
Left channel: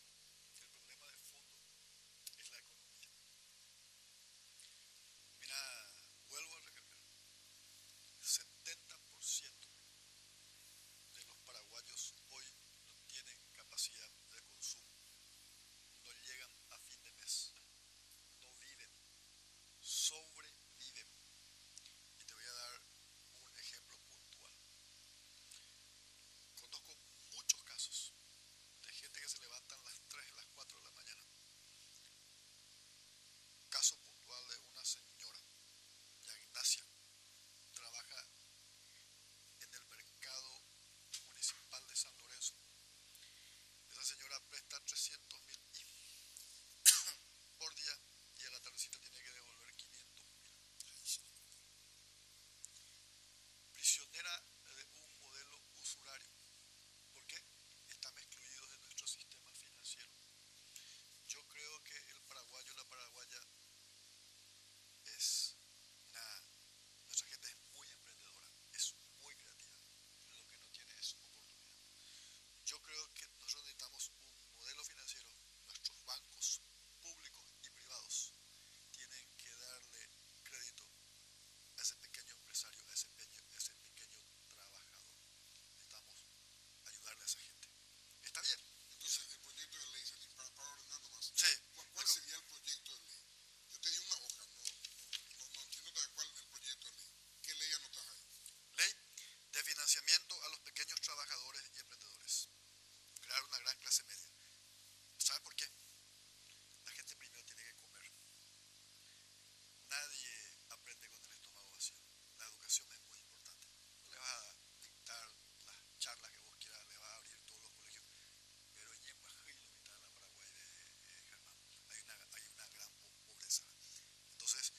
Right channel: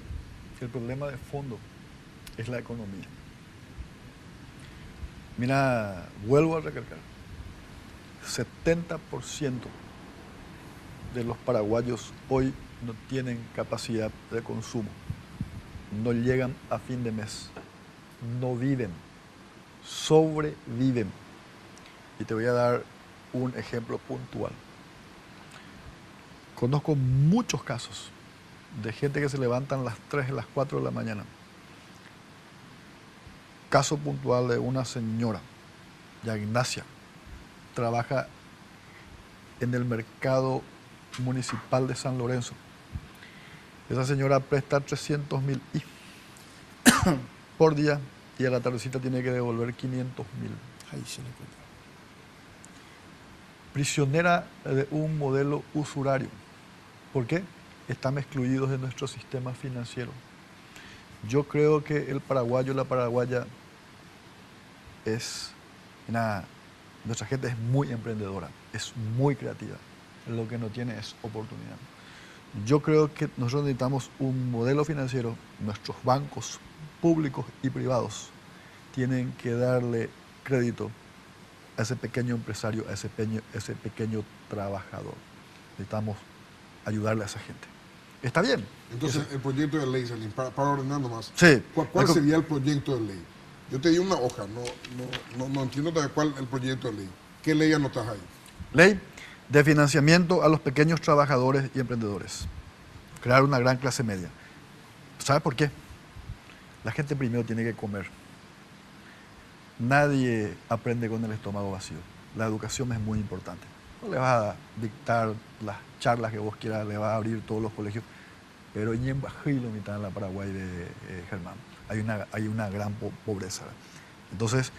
el problema de fondo es la economía. Mira, vuelvo a recalcar, 70% de los paraguayos hoy no tienen capacidad de consumo, no llegan a fin de mes, no viven, sobreviven. Y te voy a dar un ejemplo puntual. Conozco muchos casos de gente que se levantan a las 3, a las 4 de la mañana. Caso puntual de una señora, ya Ignacia, trabaja en el mercado municipal de San Lorenzo. Esa señora presta 300.000 por día y a la tardecita tiene que devolver 500.000. Ahí se le cuenta. Prisionera de un modelo usurario. ¿Por qué? Están excluidos de nuestro sistema financiero. Yo creo que el paraguayo, la paraguaya, nuestra gente es muy emprendedora, es muy creativa. Lo que no tiene es oportunidad. Yo creo que nosotros necesitamos un modelo financiero. Nuestros bancos públicos y privados tienen que darle crédito a ese pequeño empresario, a ese pequeño trabajador. Necesitamos ayudarle a esa gente. ¿Está bien? Entonces, el proyecto de ley, Salim, para ordenar nomás. Sí. ¿Cuál sería el proyecto de ley? Yo te di una hoja, no entiendo todavía cuál es el proyecto de ley. ¿Qué ley anotas ahí? Ley de financiamiento a los pequeños trabajadores y emprendedores. Crear una gran clase media. ¿Sabe por qué? La gente primero tiene que comer. Nadie aprende con el estómago vacío. La educación es muy importante. No le vas a dictar las charlas que vos quieras, le vas a abrir todos los colegios, pero en Bajilo, mitad en la Paraguay de Germán, hay una gran pobreza. Entonces,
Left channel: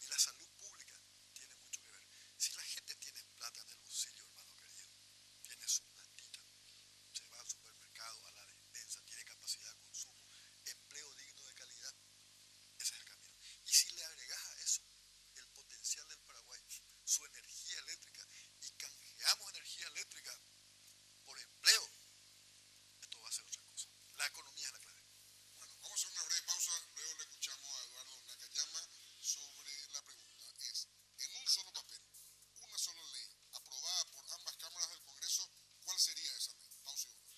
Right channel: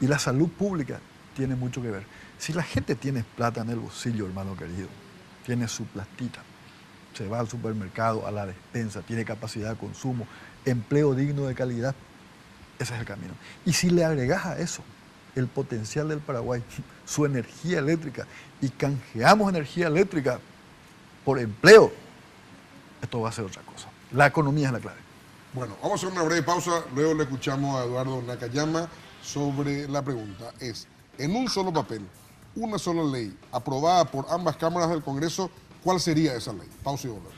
y la salud pública tiene mucho que ver. Si la gente tiene plata en el bolsillo, hermano querido, tiene su platita, se va al supermercado, a la despensa, tiene capacidad de consumo, empleo digno de calidad, Ese es el camino. Y si le agregas a eso el potencial del Paraguay, su energía eléctrica, y canjeamos energía eléctrica por empleo, esto va a ser otra cosa. La economía es la clave. Bueno, vamos a hacer una breve pausa, luego le escuchamos a Eduardo Nakayama sobre la pregunta. Es, en un solo papel, una sola ley, aprobada por ambas cámaras del Congreso, ¿cuál sería esa ley? Pausa y volvemos.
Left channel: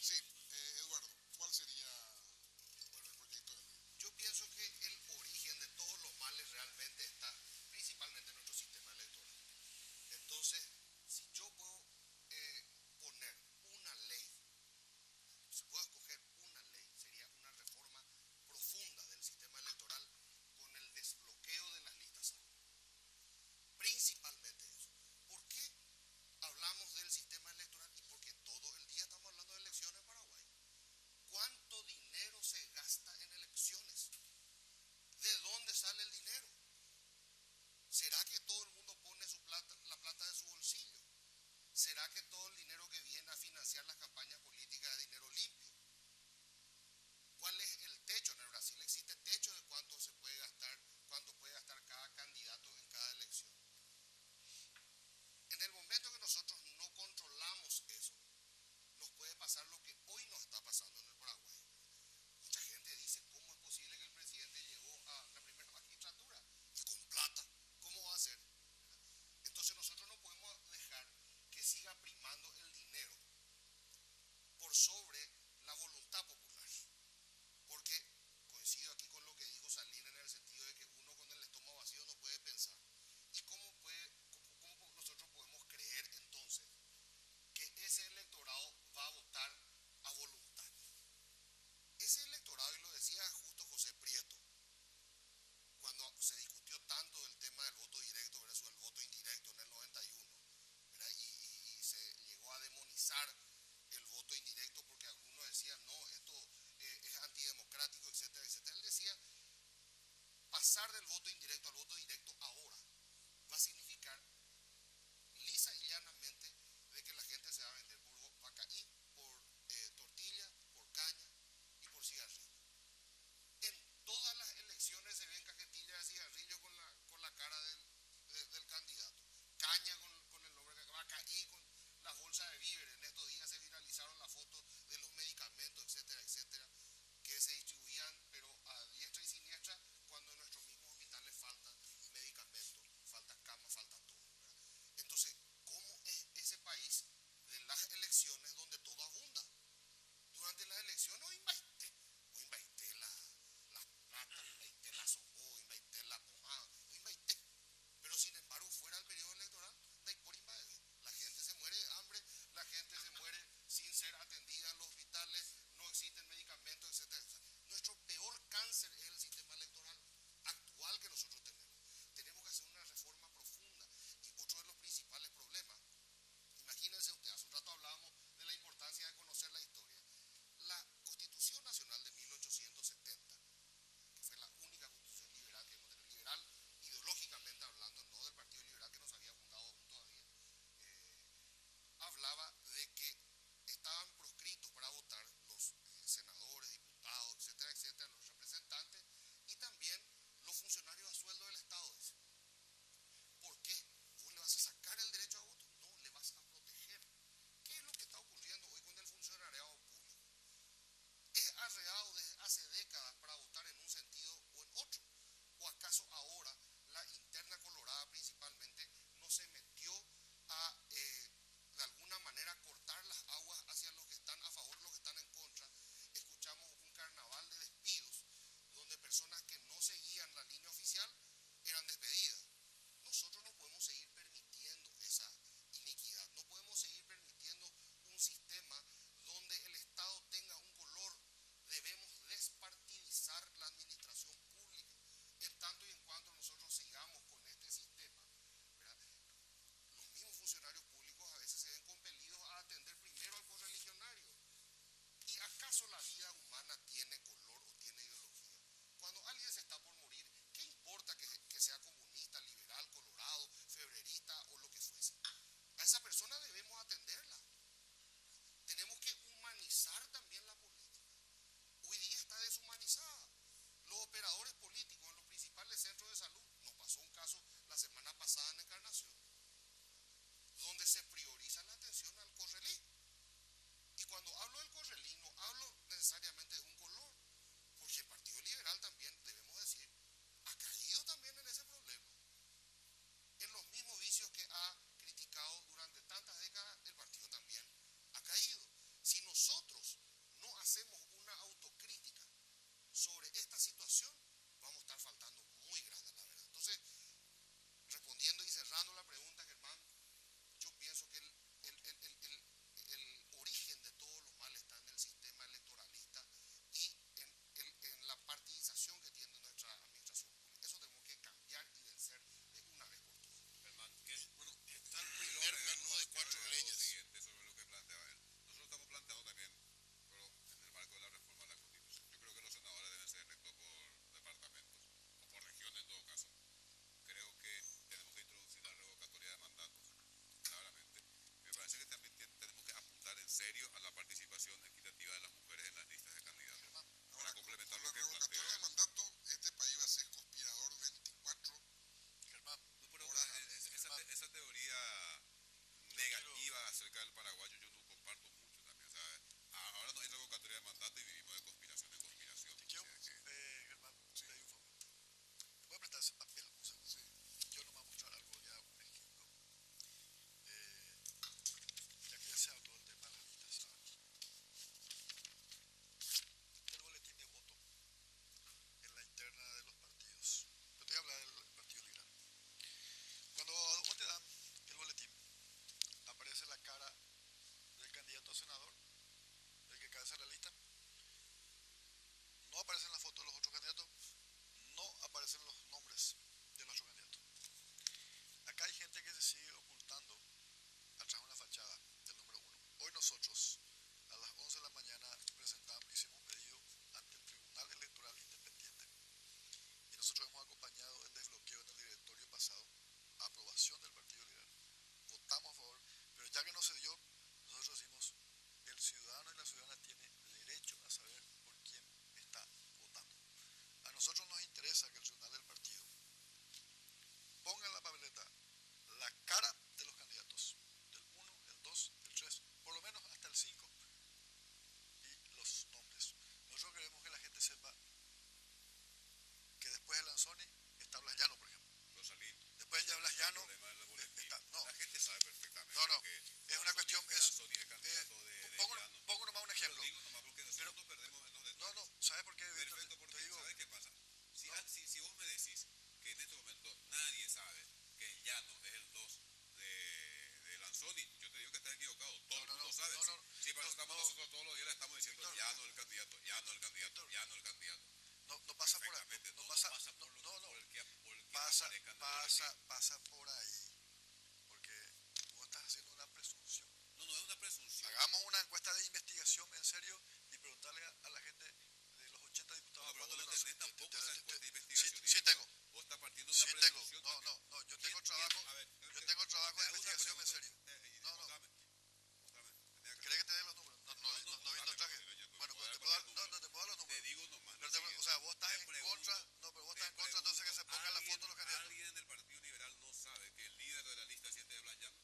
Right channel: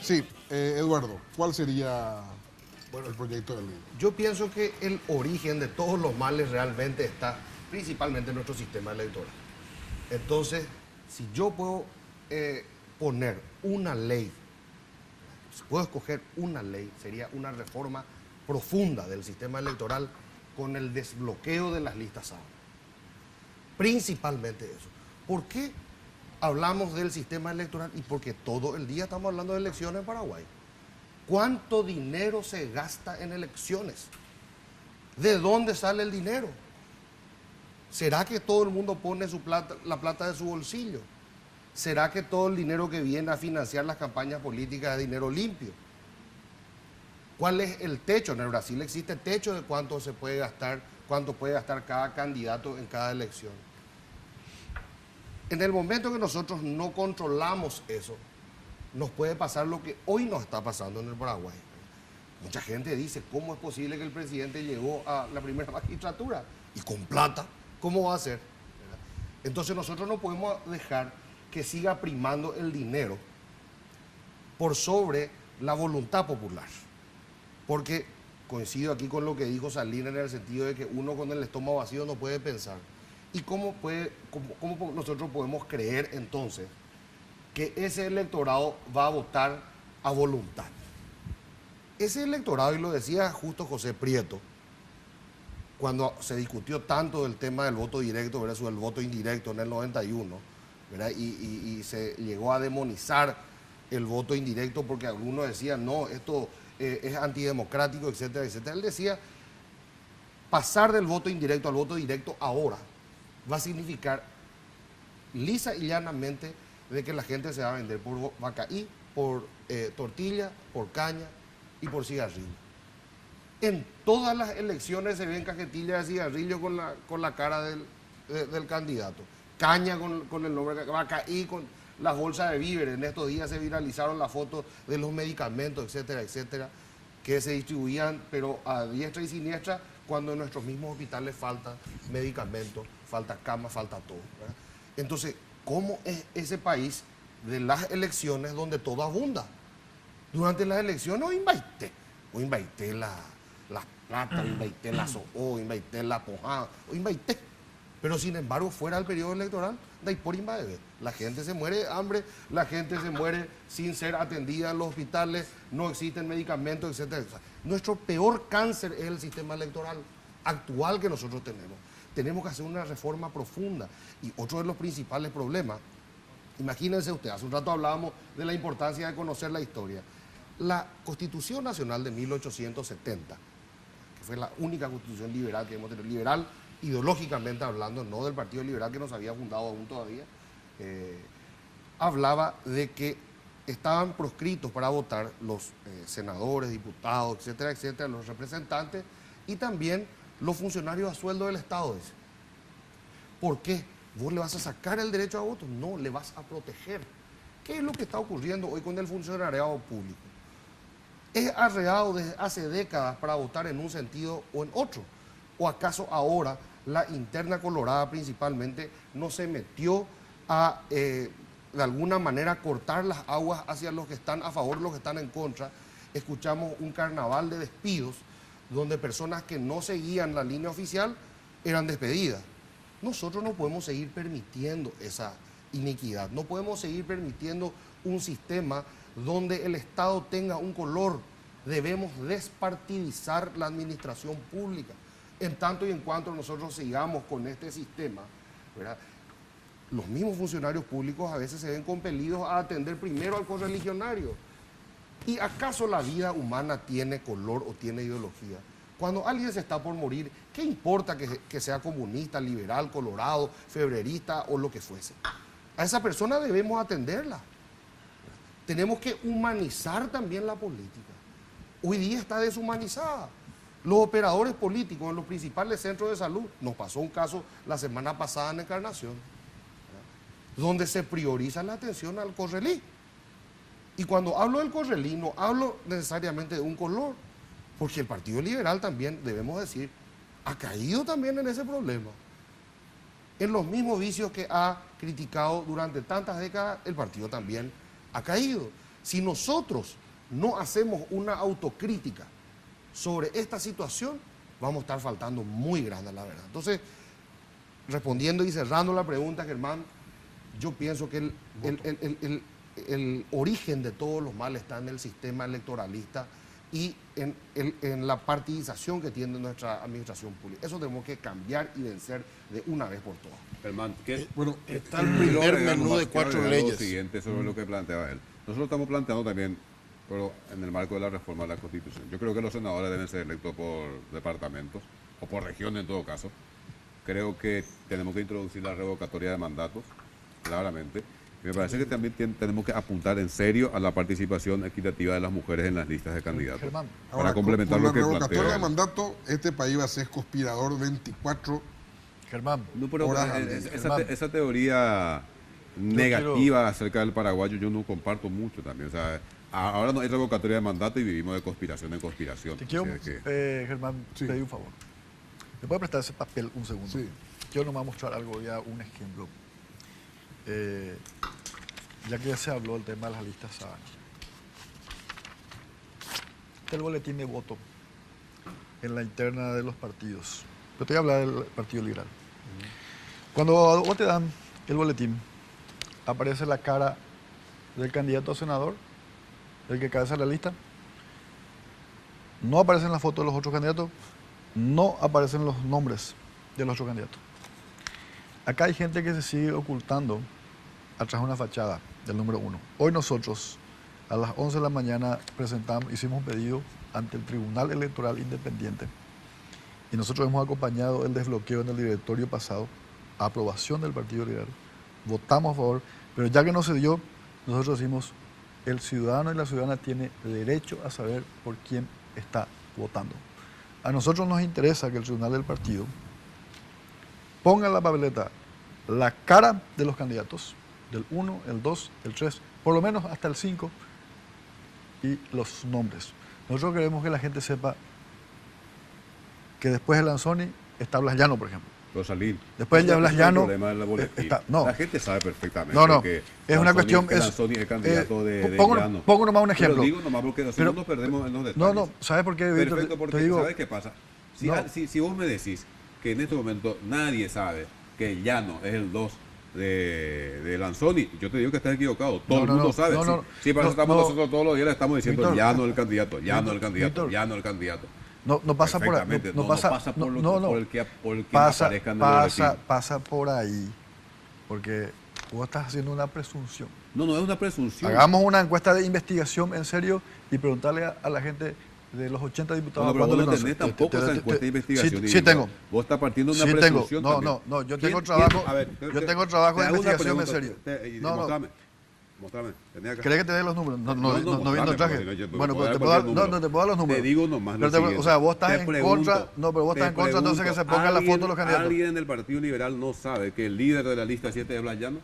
Sí, Eduardo, ¿cuál sería el proyecto de ley? Yo pienso que el origen de todos los males realmente está principalmente en nuestro sistema electoral. Entonces, si yo puedo poner una ley, si puedo escoger una ley, sería una reforma profunda del sistema electoral con el desbloqueo de las listas SAO. Principalmente eso. ¿Por qué hablamos del sistema electoral? Y porque todo el día estamos hablando de elecciones en Paraguay. ¿Cuánto dinero se gasta en elecciones? ¿De dónde sale el dinero? ¿Será que todo el mundo pone su plata, la plata de su bolsillo? ¿Será que todo el dinero que viene a financiar las campañas políticas es dinero limpio? ¿Cuál es el techo? En el Brasil existe techo de cuánto se puede gastar, cuánto puede gastar cada candidato en cada elección. En el momento que nosotros no controlamos eso, nos puede pasar lo que hoy nos está pasando en el Paraguay. Mucha gente dice, ¿cómo es posible que el presidente llegó a la primera magistratura? Y con plata, ¿cómo va a ser? ¿Verdad? Entonces nosotros no podemos dejar que siga primando el dinero por sobre la voluntad popular. Porque coincido aquí con lo que dijo Salinas en el sentido de que uno con el estómago vacío no puede pensar. ¿Y cómo nosotros podemos creer entonces que ese electorado va a votar a voluntad? Ese electorado, y lo decía justo José Prieto, cuando se discutió tanto del tema del voto directo versus el voto indirecto en el 91, ¿verdad? Y se llegó a demonizar el voto indirecto porque algunos decían, no, esto es antidemocrático, etcétera, etcétera. Él decía, pasar del voto indirecto al voto directo ahora va a significar lisa y llanamente de que la gente se va a vender por vacaí, por tortilla, por caña y por cigarrillo. En todas las elecciones se ven cajetillas de cigarrillo con la cara del candidato. Caña con el nombre, vacaí con las bolsas de víveres. En estos días se viralizaron las fotos de los medicamentos, etcétera, etcétera, que se distribuían, pero a diestra y siniestra, cuando en nuestros mismos hospitales falta medicamentos, falta cama, falta todo, ¿verdad? Entonces, ¿cómo es ese país de las elecciones donde todo abunda? Durante las elecciones o invaité la plata, o invaité la SOO, o invaité la pojada, o invaité. Pero sin embargo, fuera del periodo electoral, no hay por invadir. La gente se muere de hambre, la gente se muere sin ser atendida en los hospitales, no existen medicamentos, etcétera, etcétera. Nuestro peor cáncer es el sistema electoral actual que nosotros tenemos. Tenemos que hacer una reforma profunda. Y otro de los principales problemas, imagínense usted, hace un rato hablábamos de la importancia de conocer la historia. La Constitución Nacional de 1870, que fue la única constitución liberal que hemos tenido, liberal ideológicamente hablando, no del Partido Liberal que nos había fundado aún todavía, hablaba de que estaban proscritos para votar los senadores, diputados, etcétera, etcétera, los representantes y también los funcionarios a sueldo del Estado. Dice. ¿Por qué? ¿Vos le vas a sacar el derecho a voto? No, le vas a proteger. ¿Qué es lo que está ocurriendo hoy con el funcionariado público? ¿Es arreado desde hace décadas para votar en un sentido o en otro? ¿O acaso ahora la interna colorada principalmente no se metió a, de alguna manera, cortar las aguas hacia los que están a favor, los que están en contra? Escuchamos un carnaval de despidos donde personas que no seguían la línea oficial eran despedidas. Nosotros no podemos seguir permitiendo esa iniquidad, no podemos seguir permitiendo un sistema donde el Estado tenga un color. Debemos despartidizar la administración pública. En tanto y en cuanto nosotros sigamos con este sistema, ¿verdad? Los mismos funcionarios públicos a veces se ven compelidos a atender primero al correligionario. ¿Y acaso la vida humana tiene color o tiene ideología? Cuando alguien se está por morir, ¿qué importa que sea comunista, liberal, colorado, febrerista o lo que fuese? A esa persona debemos atenderla. Tenemos que humanizar también la política. Hoy día está deshumanizada. Los operadores políticos en los principales centros de salud, nos pasó un caso la semana pasada en Encarnación, donde se prioriza la atención al correlí. Y cuando hablo del correlí, no hablo necesariamente de un color, porque el Partido Liberal también, debemos decir, ha caído también en ese problema. En los mismos vicios que ha criticado durante tantas décadas, el partido también ha caído. Si nosotros no hacemos una autocrítica sobre esta situación, vamos a estar faltando muy grande, la verdad. Entonces, respondiendo y cerrando la pregunta, Germán, yo pienso que el origen de todos los males está en el sistema electoralista y en la partidización que tiene nuestra administración pública. Eso tenemos que cambiar y vencer de una vez por todas. Germán, ¿qué? Bueno, Está el primer menú de 4 Lo leyes. siguiente sobre lo que planteaba él. Nosotros estamos planteando también, pero en el marco de la reforma de la Constitución. Yo creo que los senadores deben ser electos por departamentos o por regiones en todo caso. Creo que tenemos que introducir la revocatoria de mandatos, claramente. Me parece que también tenemos que apuntar en serio a la participación equitativa de las mujeres en las listas de candidatos. Germán, Para complementar con lo la que revocatoria de plantea. mandato, este país va a ser conspirador 24 Germán, No, pero horas al día. esa teoría negativa acerca del paraguayo yo no comparto mucho también. O sea, ahora no hay revocatoria de mandato y vivimos de conspiración en conspiración. te quiero, O sea que- Germán, Sí. pedir un favor. ¿Me puede prestar ese papel un segundo? Sí. Yo no me voy a mostrar algo, ya un ejemplo. Ya que ya se habló del tema de las listas sábanas. Este es el boletín de voto en la interna de los partidos. Yo te voy a hablar del Partido Liberal. Cuando vos te dan el boletín, aparece la cara del candidato a senador, del que cabeza la lista. No aparecen las fotos de los otros candidatos, no aparecen los nombres de los otros candidatos. Acá hay gente que se sigue ocultando atrás de una fachada del número 1. Hoy nosotros, a las 11 de la mañana, hicimos un pedido ante el Tribunal Electoral Independiente y nosotros hemos acompañado el desbloqueo en el directorio pasado, a aprobación del Partido Liberal. Votamos a favor, pero ya que no se dio, nosotros decimos, el ciudadano y la ciudadana tiene derecho a saber por quién está votando. A nosotros nos interesa que el tribunal del partido ponga en la papeleta la cara de los candidatos, del 1, el 2, el 3, por lo menos hasta el 5, y los nombres. Nosotros queremos que la gente sepa que después de Lanzoni está Blas Llano, por ejemplo. Rosalín. Después ya Blas Ese es el Llano, problema del boletín. no. La gente sabe perfectamente No, que es una Lanzoni- cuestión... que Lanzoni es candidato de pongo Llano. nomás un ejemplo. Pero digo nomás porque si no nos perdemos en los detalles. No, ¿sabes por qué, Víctor? Perfecto, porque Te digo, ¿sabes qué pasa? Si, No. si vos me decís que en este momento nadie sabe que Llano es el 2 de Lanzoni, yo te digo que estás equivocado. Todo No, el no, mundo no, sabe. no, Sí, no, sí, para no, eso estamos no. nosotros todos los días le estamos diciendo Víctor, Llano el candidato, Llano el candidato, Víctor. Llano el candidato. no pasa por ahí. Perfectamente, No pasa por, no, por el que pasa, aparezca en el boletín. pasa por ahí, porque vos estás haciendo una presunción. No es una presunción. Hagamos una encuesta de investigación en serio y preguntarle a la gente de los 80 diputados. No, pero ¿cuándo vos no le tenés conocen? tampoco esa encuesta de investigación. Sí, tengo. Vos estás partiendo de una Sí tengo. presunción No, también. no, yo ¿Quién- tengo quién- trabajo, a ver, yo tengo trabajo te de hago una investigación en pregunta, serio. No, Mostrame. Tenía acá. ¿Querés que te dé los números? No viendo el mostrame, traje. porque si no, yo Bueno, puedo pero te dar puedo dar, cualquier no, número. te puedo dar los números. Te digo nomás lo Pero siguiente. o sea, vos estás Te en pregunto, contra, no, pero vos estás en te contra entonces que se pongan la foto de los candidatos. ¿Alguien del Partido Liberal no sabe que el líder de la lista 7 es Blas Llano?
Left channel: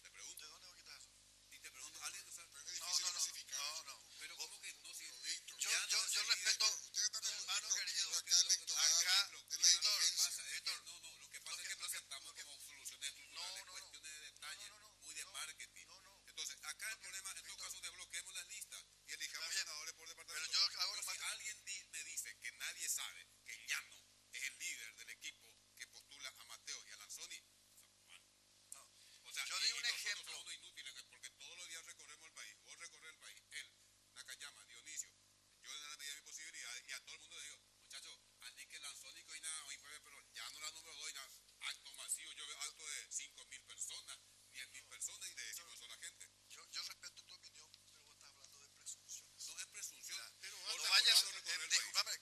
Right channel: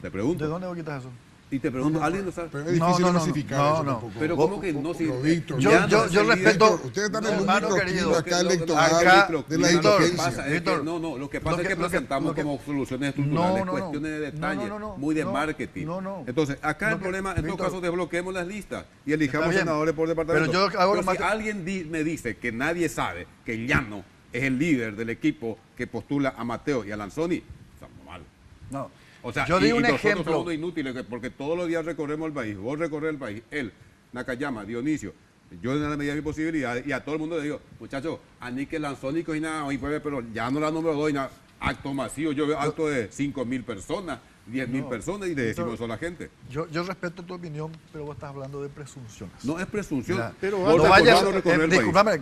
Te ¿De pregunto. dónde vos quitas eso? Y te pregunto, ¿alguien lo sabe? Pero es difícil No, clasificar no, eso no. tampoco. Pero ¿cómo que no? Si, pero Víctor, Yo- Llano yo- es yo el líder. respeto- Víctor, ustedes están No, en un hermano microclima querido, acá Lo que- electoral acá- de la Víctor, indigencia. pasa es que, Víctor, lo que pasa es que lo que- presentamos lo que- como soluciones estructurales, No, cuestiones de detalle, no, muy de no, marketing. no. Entonces, acá Lo el que- problema, en todo Víctor, caso, desbloqueemos las listas y elijamos está bien, senadores por departamento. pero yo hago lo si más- alguien me dice que nadie sabe que Llano es el líder del equipo que postula a Mateo y a Lanzoni, estamos mal. No. O sea, yo y digo un nosotros ejemplo. somos unos inútiles porque todos los días recorremos el país. Vos recorres el país, él, Nakayama, Dionisio, yo en la medida de mi posibilidad, y a todo el mundo le digo, muchachos, a mí que Lanzónico y nada, pero ya no la número 2 y nada, acto masivo, yo veo acto de 5.000 personas, 10.000 personas y le decimos eso a la gente. Yo respeto tu opinión, pero vos estás hablando de presunciones. No es presunción. Mira, pero Vos no recordás vayas, lo recorrer el país. discúlpame,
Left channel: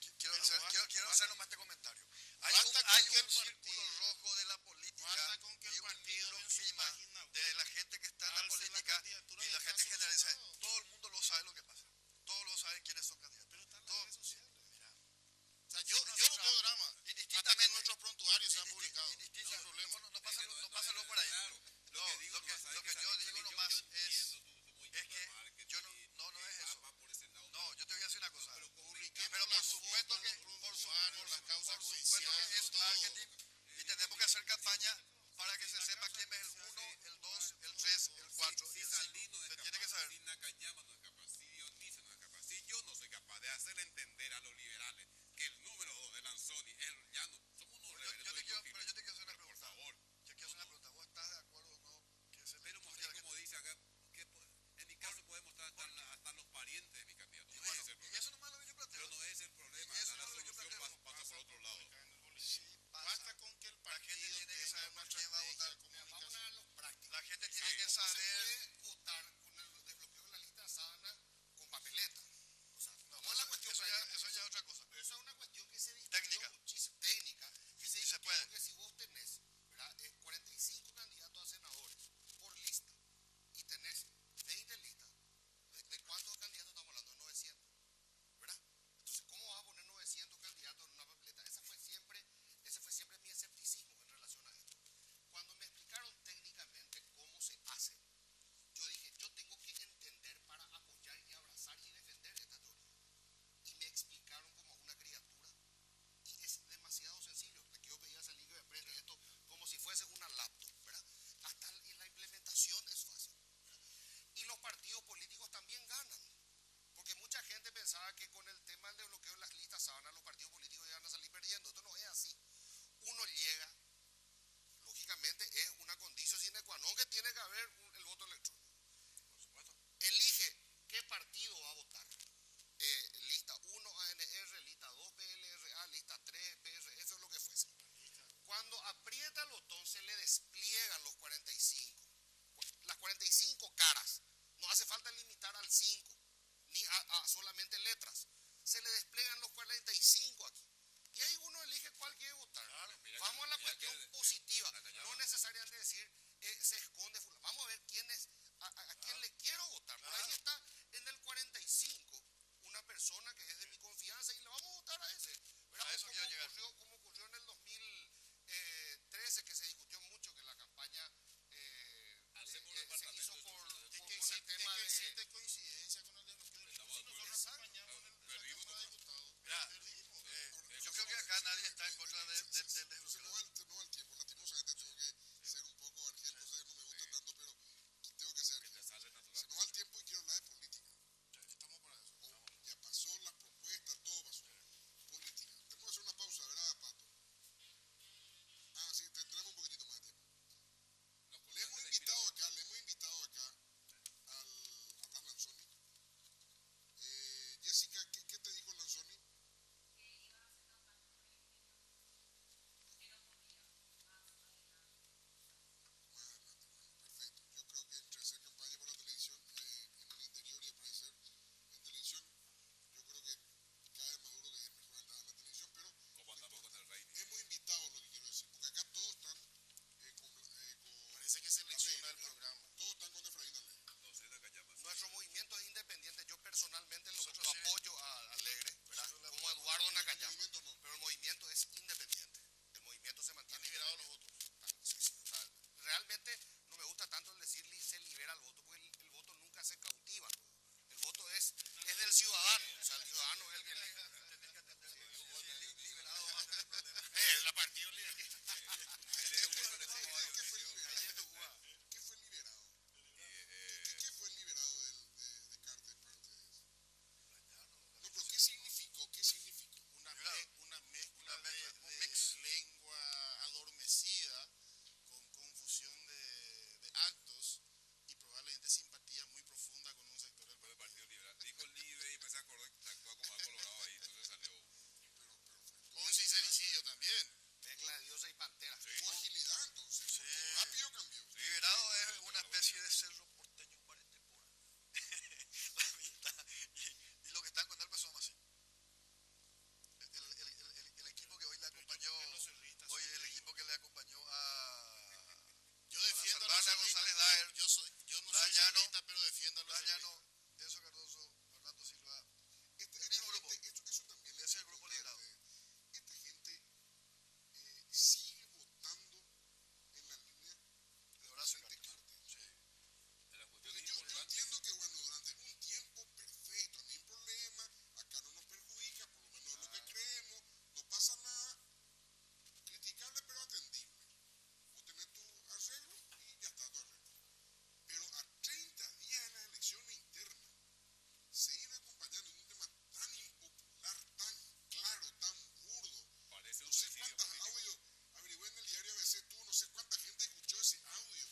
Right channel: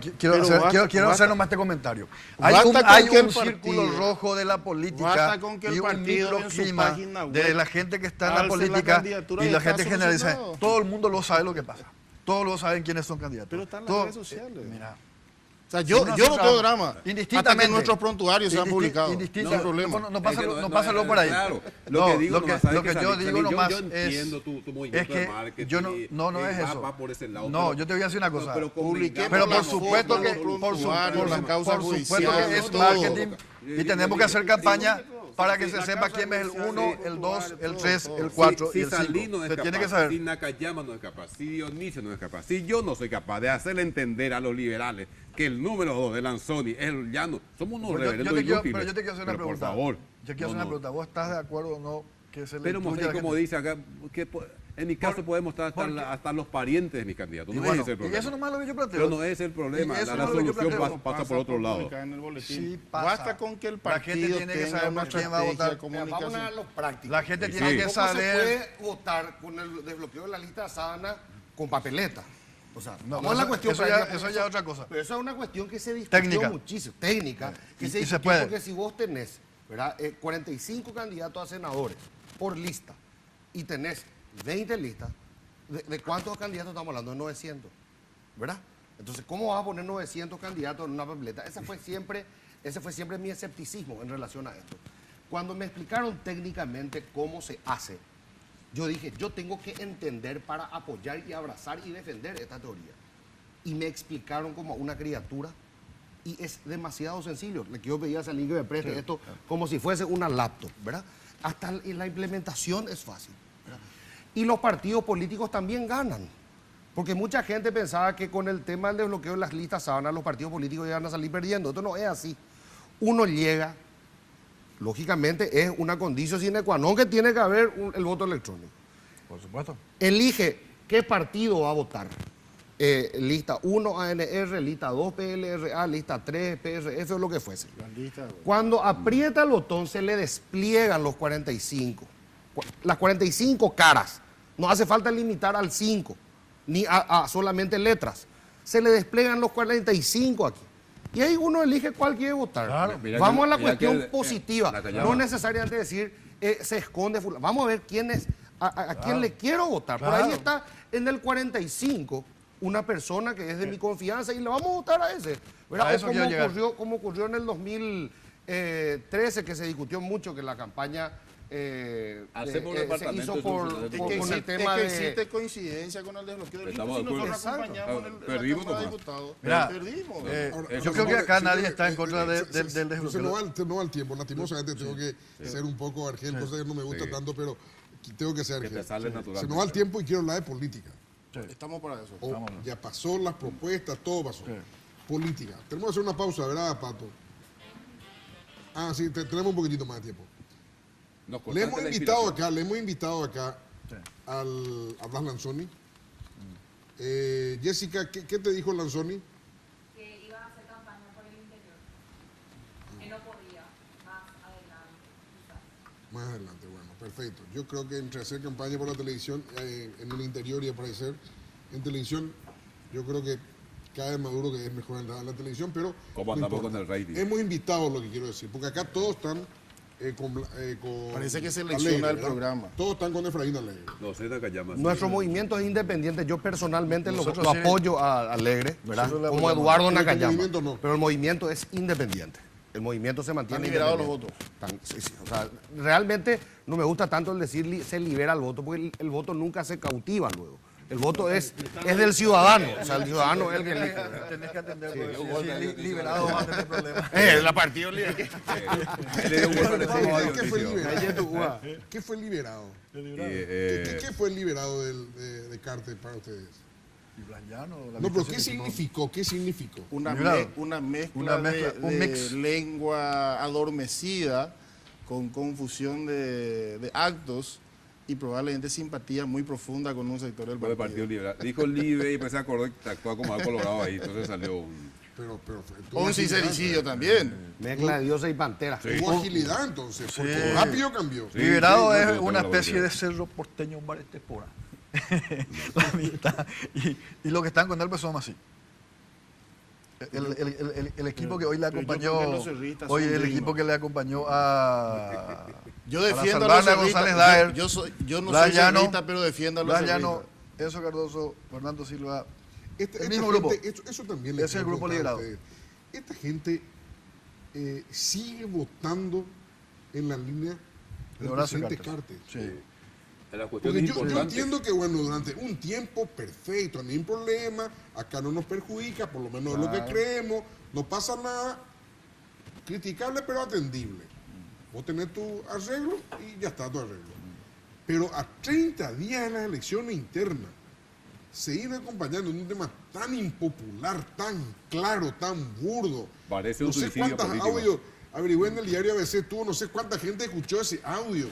quiero hacer nomás este comentario. Hay un, Basta con que el círculo partido- rojo de la política basta con que el y un partido en su microclima página de web la gente que está en la alce la política candidatura y y la está gente generaliza. solucionado. Todo el mundo lo sabe lo que pasa. Todos lo saben quiénes son candidatos. Pero están las Todo- redes sociales. Mira, O sea, yo no tengo drama. Hasta que indistintamente. nuestros prontuarios sean publicados. Indistintamente. Sin problema. No Es que pásalo por ahí. Claro, No, lo que digo lo que, nomás, ¿sabes lo qué, que yo Salim? digo Salim, nomás yo es, entiendo tu movimiento es que de marketing. yo no es eso. Va por ese lado, No, pero- yo te voy a decir una cosa. Pero Publiquemos Pero por las supuesto fotos, que los por su- prontuarios, por la causa supuesto judicial, que es todo. marketing y tenemos que hacer campaña para que se sepa quién es el 1, el 2, el 3, el 4 y si el Salí no 5. es Se capaz, tiene que saber. si Nakayama no es capaz, si Dionisio no es capaz, si yo no soy capaz de hacerle entender a los liberales que el número 2 de Lanzoni es el llano, somos unos reverendos inútiles. Pero yo te quiero hacer una Pero pregunta. por favor. Yo quiero hacer una pregunta. ¿Vos estás de acuerdo o no que se le Pero incluya a la como gente? dice acá, que en mi caso podemos estar hasta los parientes de mis candidatos. Y No bueno, es ese el y problema. eso nomás es lo que yo planteo. Pero no es el problema. Y eso La es lo que yo solución planteo. pasa por otro lado. publicar en el boletín. Sí pasa. Basta con que el La gente partido tiene que tenga saber una por quién va a estrategia votar. de comunicación. Vamos a lo práctico. La gente Sí. tiene que ¿Cómo se saber. puede votar con el desbloqueo de la lista de sábana con papeleta? O sea, No, vamos a la cuestión eso práctica, ya porque es otra cosa. Pero eso es una cuestión que se discutió Técnica. muchísimo. Técnica. Que Y se se discutió puede. porque si vos tenés, ¿verdad? 45 candidatos a senadores por lista y tenés 20 listas, ¿de cuántos candidatos estamos hablando? De 900, ¿verdad? Entonces, ¿cómo vas a poner 900 candidatos en una papeleta? Ese fue siempre mi escepticismo en relación a esto. Cuando me explicaron técnicamente cómo se hace, yo dije, yo tengo que entender para apoyar y abrazar y defender esta teoría. Y me explicaron como a una criatura y es demasiado sencillo. Le quiero pedir a Salim que me preste esto como si fuese una laptop, ¿verdad? Hasta la implementación es fácil, ¿verdad? Y los partidos políticos también ganan. Porque mucha gente pensaba que con el tema del desbloqueo de las listas sábanas los partidos políticos iban a salir perdiendo. Esto no es así. Uno llega, lógicamente es una condición sine qua non que tiene que haber el voto electrónico. Por supuesto. Elige qué partido va a votar. Lista 1 ANR, lista 2 PLRA, lista 3 PRF o lo que fuese. Cuando aprieta el botón se le despliegan los 45. Las 45 caras. No hace falta limitar al 5, ni a solamente letras. Se le despliegan los 45 aquí. Y ahí uno elige cuál quiere votar. Claro. Vamos a la mira cuestión que- positiva. Nakayama. No necesariamente decir se esconde fulano. Vamos a ver quién es, a quién le quiero votar. Por ahí Claro. está en el 45 una persona que es de mi confianza y le vamos a votar a ese. ¿Verdad? A O eso quiero llegar. como ocurrió en el 2013, que se discutió mucho, que la campaña Hacemos un se departamento hizo de por, soluciones por- de con el Es tema que de... existe coincidencia con el desbloqueo del Estamos si de acuerdo. nosotros acompañamos en la Perdimos Cámara de nomás. Diputados. Mira, Perdimos. yo creo que acá nadie está en contra del Se desbloqueo. no va el tiempo. Lastimosamente tengo que ser un poco argel, cosa que no me gusta tanto, pero tengo que ser Que te argel. sale natural. Se nos va el tiempo y quiero hablar de política. Estamos para eso. Ya pasó las propuestas, todo pasó. Política. Tenemos que hacer una pausa, ¿verdad, Pato? Ah, sí, tenemos un poquitito más de tiempo. Nos Le hemos cortaste la invitado acá a Blas Lanzoni. Jessica, ¿qué te dijo Lanzoni? Que iba a hacer campaña por el interior, que no podía más adelante. quizás. Más adelante, bueno, perfecto. Yo creo que entre hacer campaña por la televisión en el interior y aparecer en televisión, yo creo que cada vez Maduro que es mejor en la televisión, pero ¿Cómo no andamos importa. con el rating? Hemos invitado, lo que quiero decir, porque acá todos están con Parece que se Alegre, selecciona el ¿verdad? programa. Todos están con Efraín Alegre. No sé, Nakayama. Nuestro movimiento es independiente. Yo personalmente lo Nosotros sí. apoyo a Alegre, ¿verdad? Nosotros le Como apoyamos. Eduardo Pero tu Nakayama. movimiento no. Pero el movimiento es independiente. El movimiento se mantiene Están liberados los independiente. Sí, sí. O sea, realmente no me gusta tanto el decir se libera el voto, porque el voto nunca se cautiva luego. El voto es del ciudadano. O sea, el ciudadano es el que elige. Tenés que atender, porque si liberado va a tener problemas. La partido libre. ¿Qué fue liberado? ¿Qué fue liberado? ¿Qué fue el liberado de Carter para ustedes? Y Blanllano, la No, pero lista ¿qué significó? ¿Qué significó? Una, Liberado. una mezcla, Una mezcla, un de mix. lengua adormecida con confusión de actos y probablemente simpatía muy profunda con un sector del Fue el partido. Partido Liberal. Dijo libre y empecé a acordar que actuaba como algo colorado ahí. Entonces salió un... Pero tuvo O un agilidad, sincericidio también. Mezcla de diosa y pantera. Tuvo agilidad entonces, porque rápido cambió. Liberado sí, es no, una no, no, especie no. de cerro porteño en Barestepora. La mitad. Y los que están con él pues son así. El equipo que hoy le pero yo acompañó, creo que los cerristas hoy son el dignos. equipo que le acompañó a Yo la defiendo a los Salvana cerristas. González Daer, Yo no Blas soy Llano, cerrista, pero defiendo a los Blas Llano, cerristas. Enzo Cardoso, Fernando Silva, Esta el mismo gente, grupo. eso también les Es el quiero grupo preguntar a liberado. ustedes. Esta gente sigue votando en la línea del Horacio presidente Cartes. Cartes. Sí. En las cuestiones Porque yo importantes. entiendo que, bueno, durante un tiempo, perfecto, no hay problema, acá no nos perjudica, por lo menos es lo que creemos, no pasa nada, criticable pero atendible. Vos tenés tu arreglo y ya está tu arreglo. Pero a 30 días de las elecciones internas, seguir acompañando en un tema tan impopular, tan claro, tan burdo. Parece un no sé suicidio cuántos político. audios, averigüé en el diario ABC, tuvo no sé cuánta gente escuchó ese audio.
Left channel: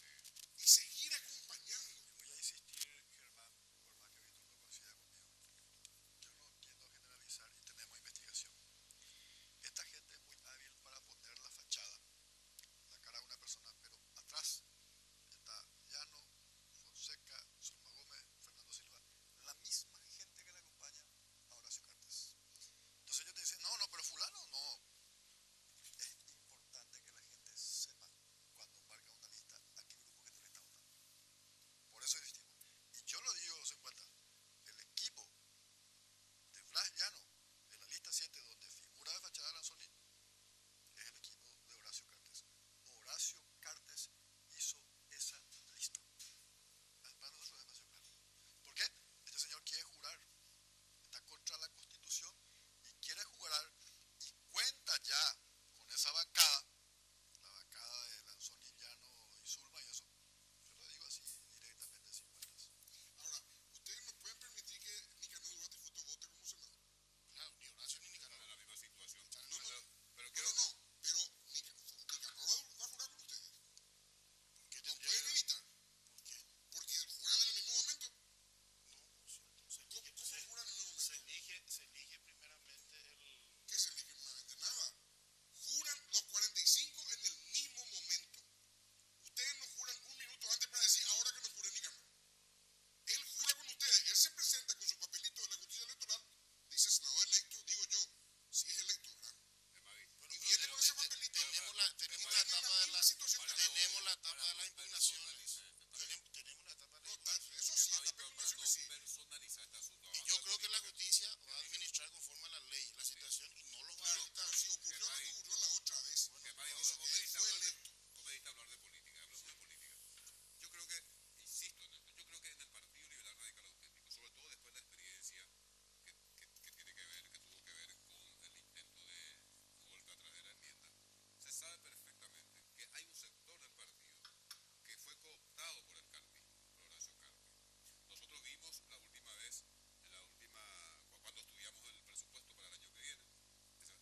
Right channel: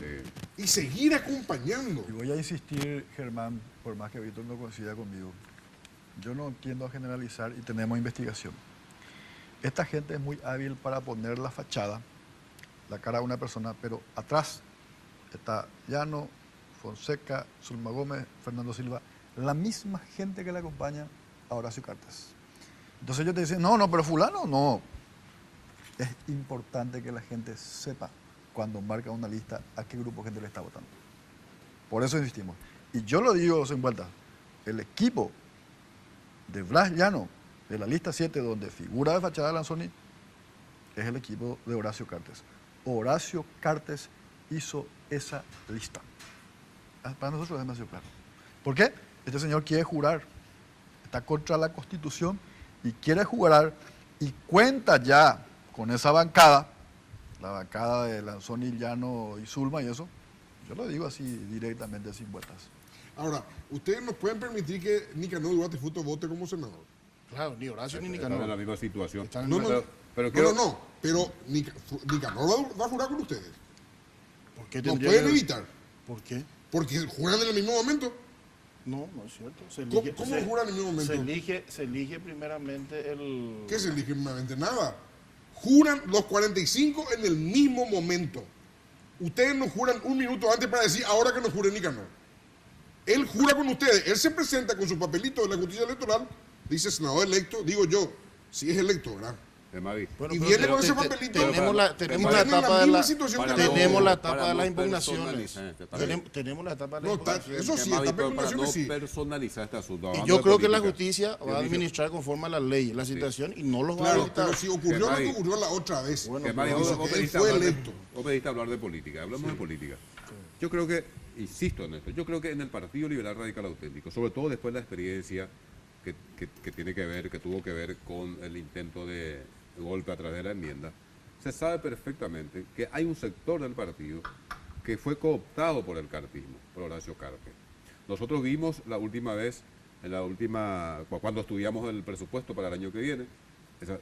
Y seguir acompañando. Y voy a insistir, Germán, por más que Víctor no coincida conmigo. Yo no tiendo a generalizar y tenemos investigación. Esta gente es muy hábil para poner la fachada, la cara de una persona, pero atrás está Llano, Fonseca, Zulma Gómez, Fernando Silva, la misma gente que le acompaña a Horacio Cartes. Entonces ellos te dicen, no, pero fulano, no. Es importante que la gente sepa cuando marca una lista a qué grupo de gente le está votando. Por eso insistimos. Y yo lo digo sin vuelta, el equipo de Blas Llano, de la lista 7, donde figura de fachada Lanzoni, es el equipo de Horacio Cartes. Horacio Cartes hizo esa lista. Para nosotros es demasiado claro. ¿Por qué? Este señor quiere jurar, está contra la Constitución y quiere jurar y cuenta ya con esa bancada, la bancada de Lanzoni, Llano y Zulma y eso. Yo lo digo así directamente, sin vueltas. Ahora, ¿ustedes nos pueden permitir que Nicanor Duarte Fruto vote como senador? Claro, ni Horacio ni Están en la Nicanor. misma situación. Están en No, la- no, pero no, quiero- no, pero Nicanor va a jurar con ustedes. ¿Por qué No tendría pueden que- evitar, ¿Por qué? porque juran en el mismo momento. No, no es cierto. Se ¿Cómo- elige, cómo juran en el mismo momento? Se elige primeramente el... ¿Qué se elige primeramente? Nada. Juran los 45 en el mismo momento. Ustedes no juran un minuto antes para decir ahora que no jure Nicanor. Él jura con ustedes, él se presenta con su papelito de la justicia electoral, dice senador electo, digo yo, si es electo, ¿verdad? Mavi, Y viene con ese papelito. Tenemos la Tienen etapa de misma la... situación que Para Tenemos no- la etapa para de no las impugnaciones. personalizar, está bien. Tenemos la etapa de No, las está- impugnaciones. eso sí, Mavi, está pero para no sí. personalizar este asunto. Y hablando yo de creo que la política. justicia va a Yo dije- administrar conforme a la ley, la situación, y no los va a Claro, evitar. pero si ocurrió lo Mavi. que ocurrió la otra vez. Bueno, Que, Mavi, pero dice vos que él pediste fue hablar de- electo. vos pediste hablar de política, hablamos de política. Yo creo que, insisto en esto, yo creo que en el Partido Liberal Radical Auténtico, sobre todo después de la experiencia que tiene que ver, que tuvo que ver con el intento de golpe a través de la enmienda, se sabe perfectamente que hay un sector del partido que fue cooptado por el cartismo, por Horacio Cartes. Nosotros vimos la última vez, cuando estudiamos el presupuesto para el año que viene,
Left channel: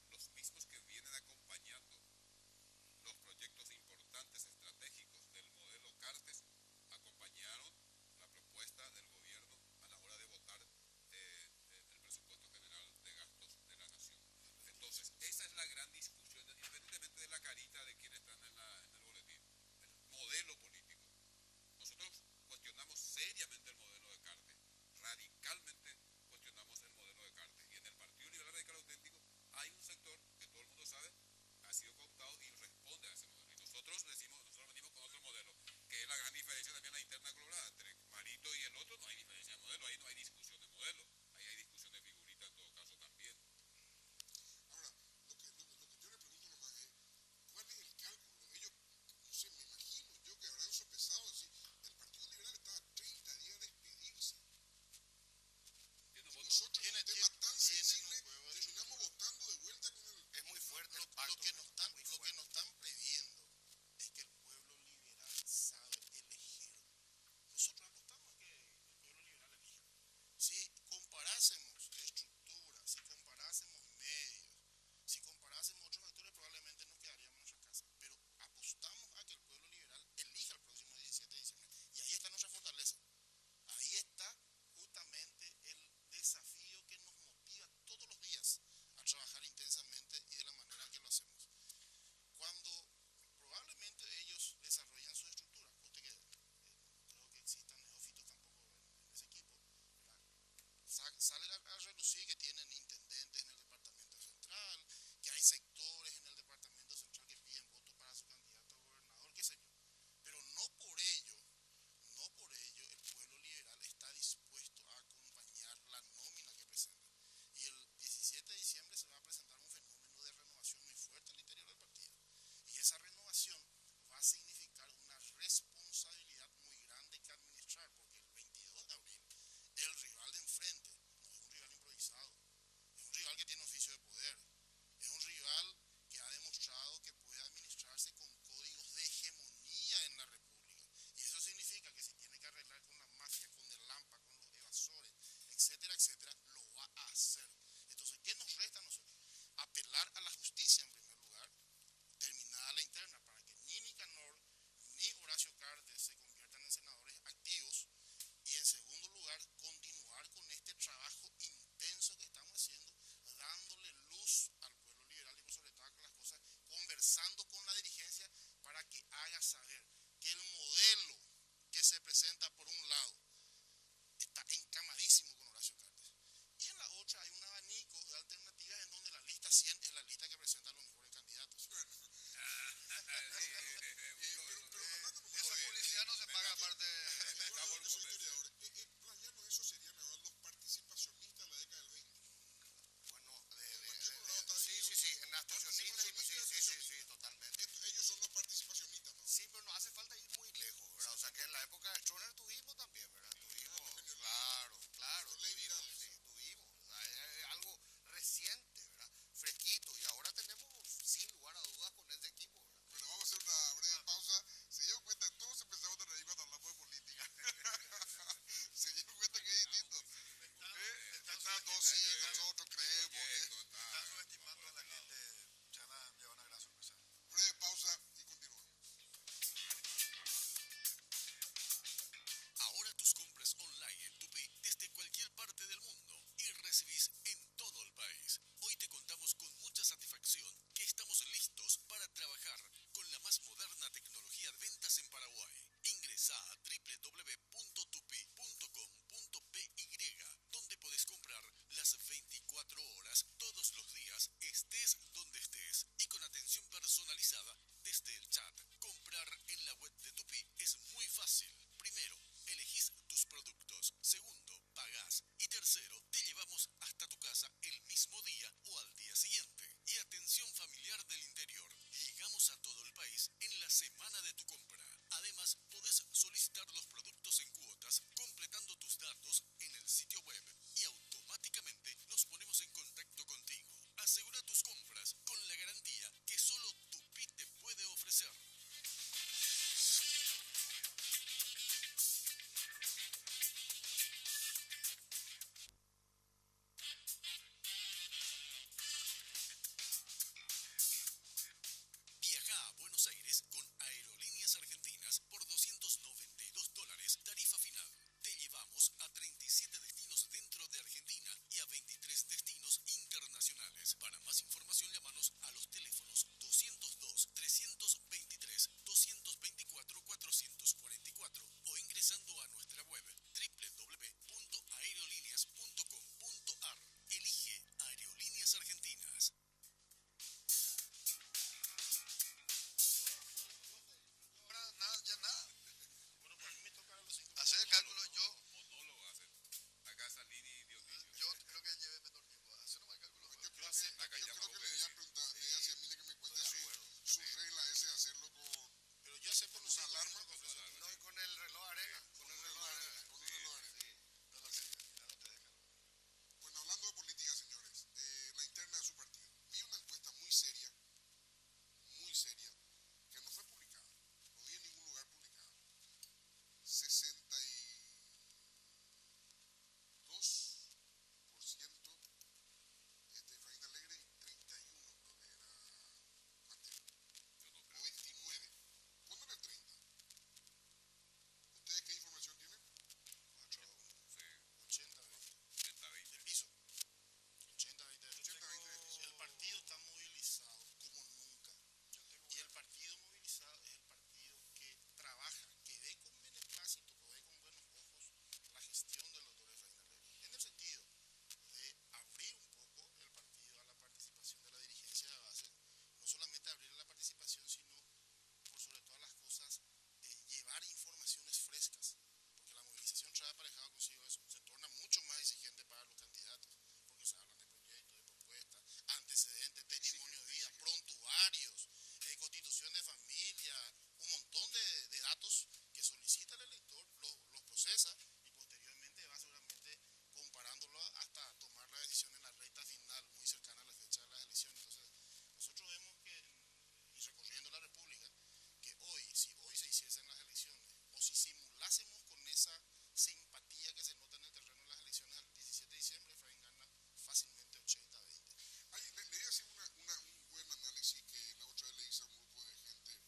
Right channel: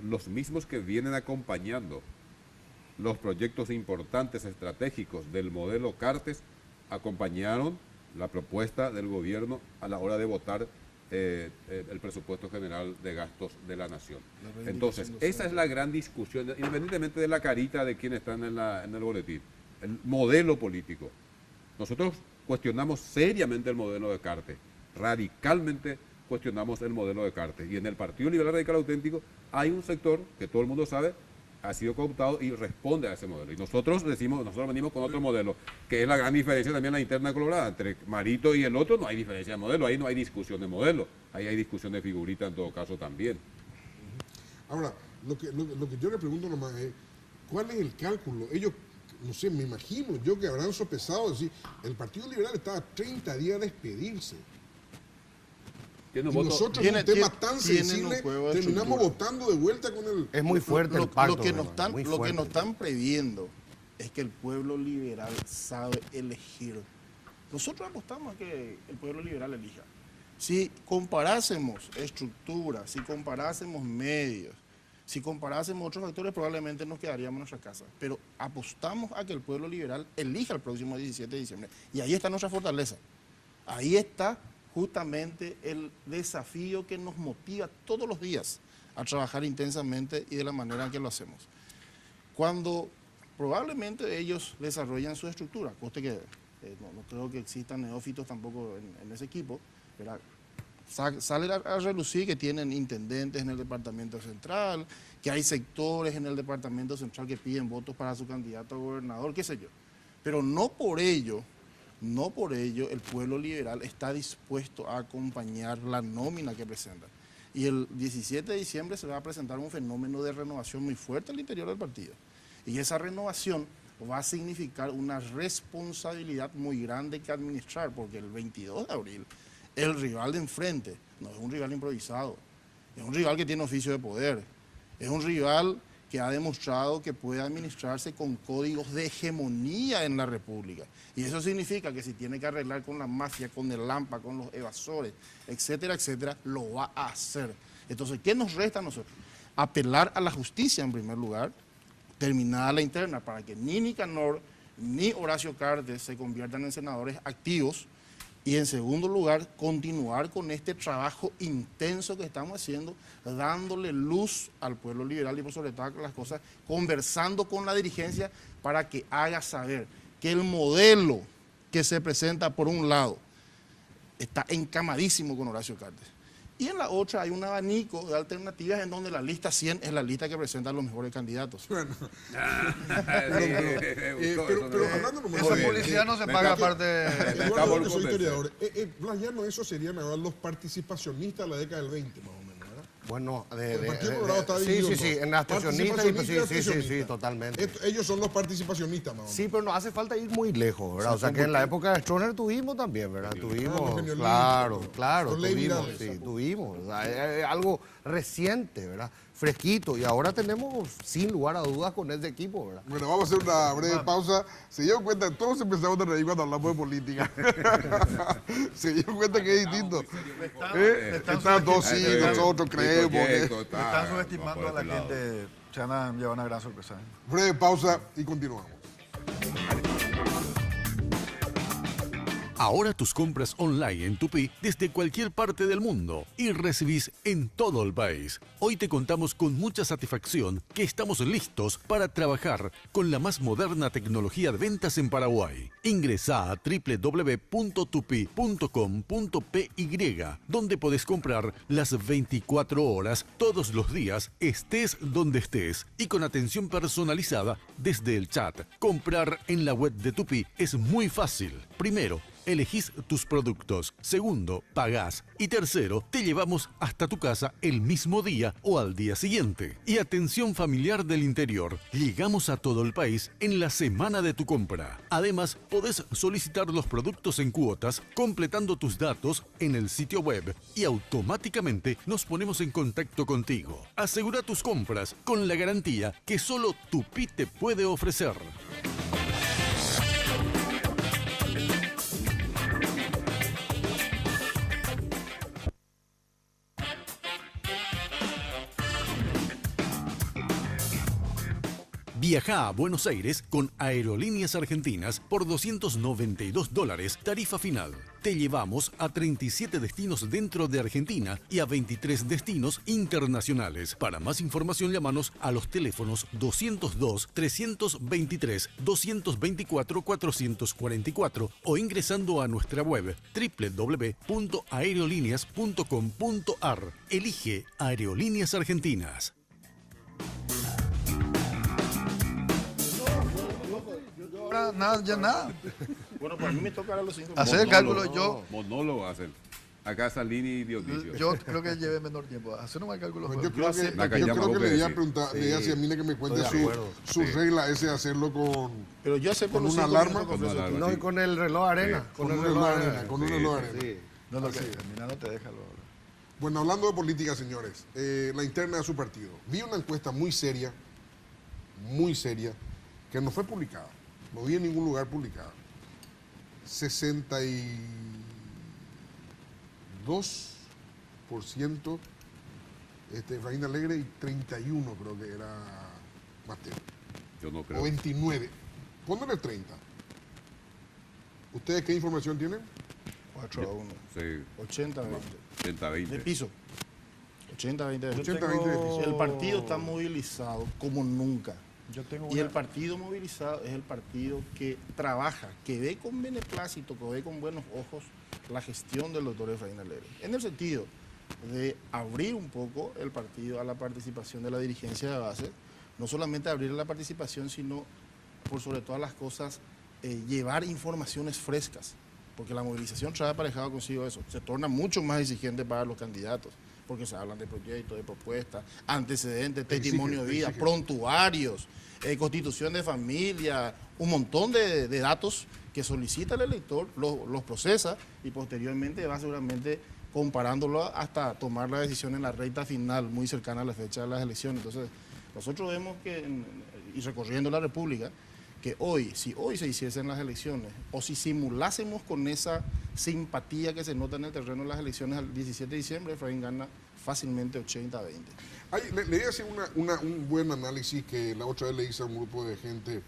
los mismos que vienen acompañando los proyectos importantes estratégicos del modelo Cartes acompañaron la propuesta del gobierno a la hora de votar el presupuesto general de gastos de la nación. Entonces, esa es la gran discusión, independientemente de la carita de quien está en el boletín, el modelo político. Nosotros cuestionamos seriamente el modelo de Cartes, radicalmente cuestionamos el modelo de Cartes. Y en el Partido Liberal Radical Auténtico hay un sector que todo el mundo sabe ha sido cooptado y responde a ese modelo. Y nosotros venimos con otro modelo, que es la gran diferencia también en la interna colorada. Entre Marito y el otro no hay diferencia de modelo, ahí no hay discusión de modelo, ahí hay discusión de figurita en todo caso también. Ahora, lo que yo le pregunto nomás es, ¿cuál es el cálculo? Ellos, no sé, me imagino yo que habrán sopesado, decir, el Partido Liberal está a 30 días de despedirse. Tiene un Y voto- nosotros tiene- un tema tiene- tan tienen sensible un juego de terminamos estructura. votando de vuelta con el... Es muy fuerte el pacto. Lo que nos ¿verdad? están, Muy lo que fuerte. nos están previendo es que el pueblo liberal sabe elegir. Nosotros apostamos a que el pueblo liberal elija. Si comparásemos estructura, si comparásemos medios, si comparásemos otros factores, probablemente nos quedaríamos en nuestra casa. Pero apostamos a que el pueblo liberal elija el próximo 17 de diciembre. Y ahí está nuestra fortaleza. Ahí está justamente el desafío que nos motiva todos los días a trabajar intensamente y de la manera en que lo hacemos. Cuando probablemente ellos desarrollan su estructura, coste que no creo que existan neófitos tampoco en ese equipo, ¿verdad? Sale a relucir que tienen intendentes en el departamento central, que hay sectores en el departamento central que piden votos para su candidato a gobernador, qué sé yo. Pero no por ello el pueblo liberal está dispuesto a acompañar la nómina que presenta. Y el 17 de diciembre se va a presentar un fenómeno de renovación muy fuerte al interior del partido. Y esa renovación va a significar una responsabilidad muy grande que administrar, porque el 22 de abril el rival de enfrente no es un rival improvisado, es un rival que tiene oficio de poder, es un rival que ha demostrado que puede administrarse con códigos de hegemonía en la República. Y eso significa que si tiene que arreglar con la mafia, con el AMPA, con los evasores, etcétera, etcétera, lo va a hacer. Entonces, ¿qué nos resta a nosotros? Apelar a la justicia en primer lugar, terminada la interna, para que ni Nicanor ni Horacio Cartes se conviertan en senadores activos. Y en segundo lugar, continuar con este trabajo intenso que estamos haciendo, dándole luz al pueblo liberal y por sobre todas las cosas, conversando con la dirigencia para que haga saber que el modelo que se presenta por un lado está encamadísimo con Horacio Cartes. Y en la otra hay un abanico de alternativas en donde la lista 100 es la lista que presenta los mejores candidatos. Bueno, pero hablando nomás Esa de- publicidad no se paga aparte. Igual que soy historiador. Blas Llano, esos serían ahora los participacionistas de la década del 20, más o menos, ¿verdad? Bueno, El Partido Colorado está dividido sí, en sí, dos. en abstencionistas, Participacionistas y sí, totalmente. Ellos son los participacionistas, más o menos. Sí, pero no hace falta ir muy lejos, ¿verdad? O sea, que en la época de Stroessner tuvimos también, ¿verdad? los Tuvimos, genialistas, claro, los ley tuvimos, virales. sí, tuvimos. O sea, es algo reciente, ¿verdad? Fresquito. Y ahora tenemos, sin lugar a dudas, con este equipo, ¿verdad? Bueno, vamos a hacer una breve pausa. Se dieron cuenta, todos empezamos a reír cuando hablamos de política. Se dieron cuenta que es distinto. Están todos sí, nosotros creemos. que- Están subestimando a la gente. Se van a llevar una gran sorpresa. Breve pausa y continuamos. Ahora tus compras online en Tupi desde cualquier parte del mundo y recibís en todo el país. Hoy te contamos con mucha satisfacción que estamos listos para trabajar con la más moderna tecnología de ventas en Paraguay. Ingresá a www.tupi.com.py, donde podés comprar las 24 horas todos los días, estés donde estés y con atención personalizada desde el chat. Comprar en la web de Tupi es muy fácil. Primero, elegís tus productos. Segundo, pagás. Y tercero, te llevamos hasta tu casa el mismo día o al día siguiente. Y atención familiar del interior. Llegamos a todo el país en la semana de tu compra. Además, podés solicitar los productos en cuotas completando tus datos en el sitio web y automáticamente nos ponemos en contacto contigo. Asegura tus compras con la garantía que solo Tupi te puede ofrecer. Viaja a Buenos Aires con Aerolíneas Argentinas por $292, tarifa final. Te llevamos a 37 destinos dentro de Argentina y a 23 destinos internacionales. Para más información, llámanos a los teléfonos 202-323-224-444 o ingresando a nuestra web www.aerolíneas.com.ar. Elige Aerolíneas Argentinas. Ahora nada, ya nada. Bueno, para mí me toca ahora los 5 Hacer el cálculo yo. Monólogo hacen. Acá Salini y Dionisio. Yo creo que lleve menor tiempo. Hacer nomás el cálculo. Pues fue- yo creo que, La yo llama creo que vos le que iba a decís. preguntar, le iba a decir a Mine que me cuente Estoy de acuerdo. su regla ese de hacerlo con Pero yo acepto ¿Con los una 5 alarma? minutos Con una con alarma. No, y con el reloj de arena. con el un reloj de arena, con un reloj de arena. Sí. No, no, que mira, no te deja. Bueno, hablando de política, señores, la interna de su partido. Vi una encuesta muy seria, que no fue publicada. No vi en ningún lugar publicada. 62% Efraín Alegre y 31 creo que era Mateo. Yo no O creo. 29. Póngale 30. ¿Ustedes qué información tienen? 4 a 1. Sí, 80 20. 30, De 20. piso. 80-20 80-20 déficit. El partido está movilizado como nunca. Yo tengo Y una- el partido movilizado es el partido que trabaja, que ve con beneplácito, que ve con buenos ojos la gestión del doctor Efraín Alegre. En el sentido de abrir un poco el partido a la participación de la dirigencia de base, no solamente abrir la participación, sino por sobre todas las cosas llevar informaciones frescas, porque la movilización trae aparejado consigo eso, se torna mucho más exigente para los candidatos, porque se hablan de proyectos, de propuestas, antecedentes, testimonio de vida, prontuarios, constitución de familia, un montón de datos que solicita el elector, los procesa y posteriormente va seguramente comparándolo hasta tomar la decisión en la recta final, muy cercana a la fecha de las elecciones. Entonces, nosotros vemos que, y recorriendo la República, que si hoy se hiciesen las elecciones, o si simulásemos con esa simpatía que se nota en el terreno de las elecciones al 17 de diciembre, Efraín gana fácilmente 80-20. Le voy a hacer un buen análisis que la otra vez le hice a un grupo de gente,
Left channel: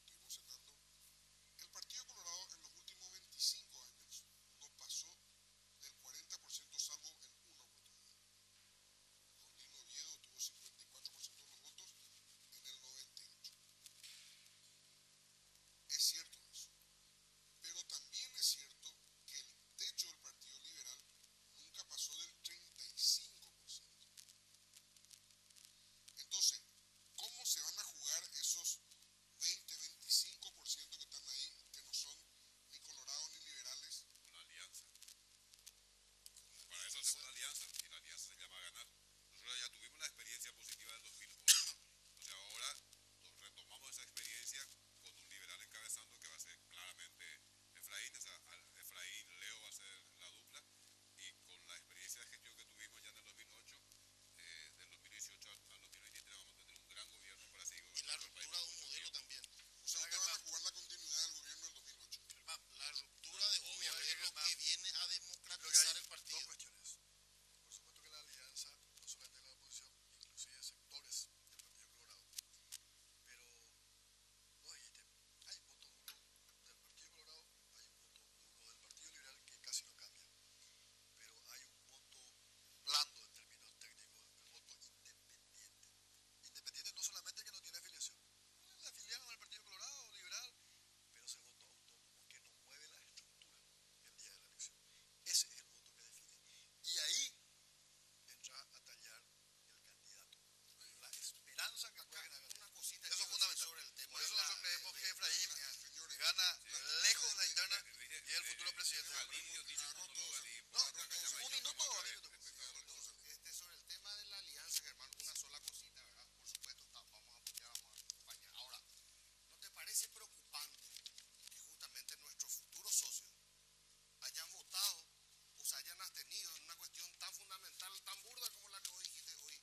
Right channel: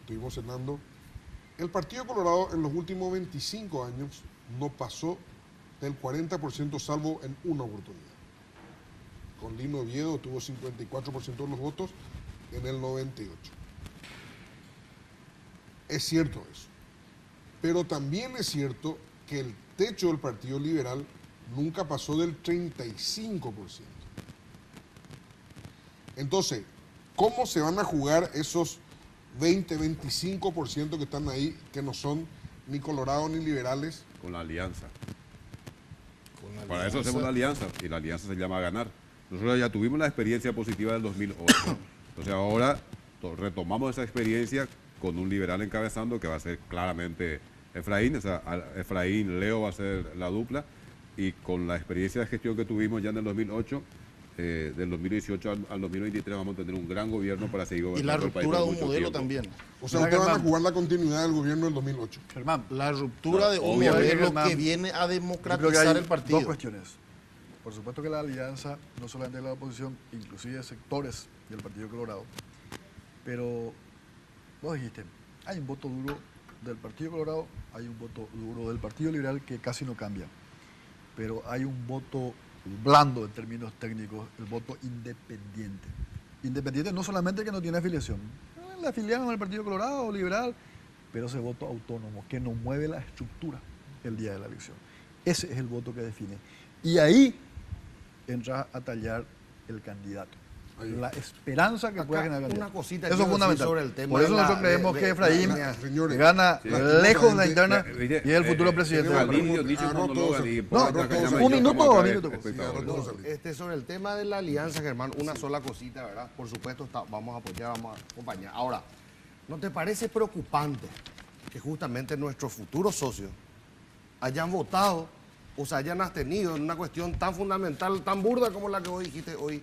estuvimos cenando. El Partido Colorado en los últimos 25 años no pasó del 40% salvo en una oportunidad. Con Lino Oviedo tuvo 54% de los votos en el 98. Es cierto eso. Pero también es cierto que el techo del Partido Liberal nunca pasó del 35%. Entonces, ¿cómo se van a jugar esos 20-25% que están ahí, que no son ni colorados ni liberales? Con la alianza. Para eso hacemos la alianza, y la alianza se llama ganar. Nosotros ya tuvimos la experiencia positiva del 2008. Entonces ahora retomamos esa experiencia con un liberal encabezando que va a ser claramente Efraín. O sea, Efraín, Leo va a ser la dupla. Y con la experiencia de gestión que tuvimos ya en el 2008, del 2018 al 2023 vamos a tener un gran gobierno para seguir Y la gobernando el país ruptura de por un mucho modelo tiempo. también. O sea, Mira, ustedes van a Germán. jugar la continuidad del gobierno del 2008. Germán, La ruptura de un Obviamente, modelo Germán, que viene a yo creo que democratizar hay el partido. dos cuestiones. Por supuesto que la alianza, no solamente de la oposición, inclusive sectores del Partido Colorado, pero vos dijiste, hay un voto duro del Partido Colorado, hay un voto duro del Partido Liberal que casi no cambia, pero hay un voto blando en términos técnicos, el voto independiente. Independiente no solamente que no tiene afiliación, la afiliaron al Partido Colorado o Liberal, pero ese voto autónomo que no mueve la estructura el día de la elección. Ese es el voto que define. Y ahí entra a tallar el candidato. La esperanza que pueda generar el una candidato. cosita Eso quiero es fundamental. decir sobre el tema Por eso de la- nosotros creemos de- que de- Efraín señores, gana lejos de la interna Viste, y es el futuro presidente. tenemos del país. Alirio dice un Agarró monólogo todos- y no, por agarró acá todos- llama un yo, minuto, estamos acá un minuto. espectadores. Sobre el tema de la alianza, Germán, una sola cosita, ¿verdad? Por supuesto, vamos a apoyar, vamos a acompañar. Ahora, ¿no te parece preocupante que justamente nuestros futuros socios hayan votado o se hayan abstenido en una cuestión tan fundamental, tan burda como la que vos dijiste hoy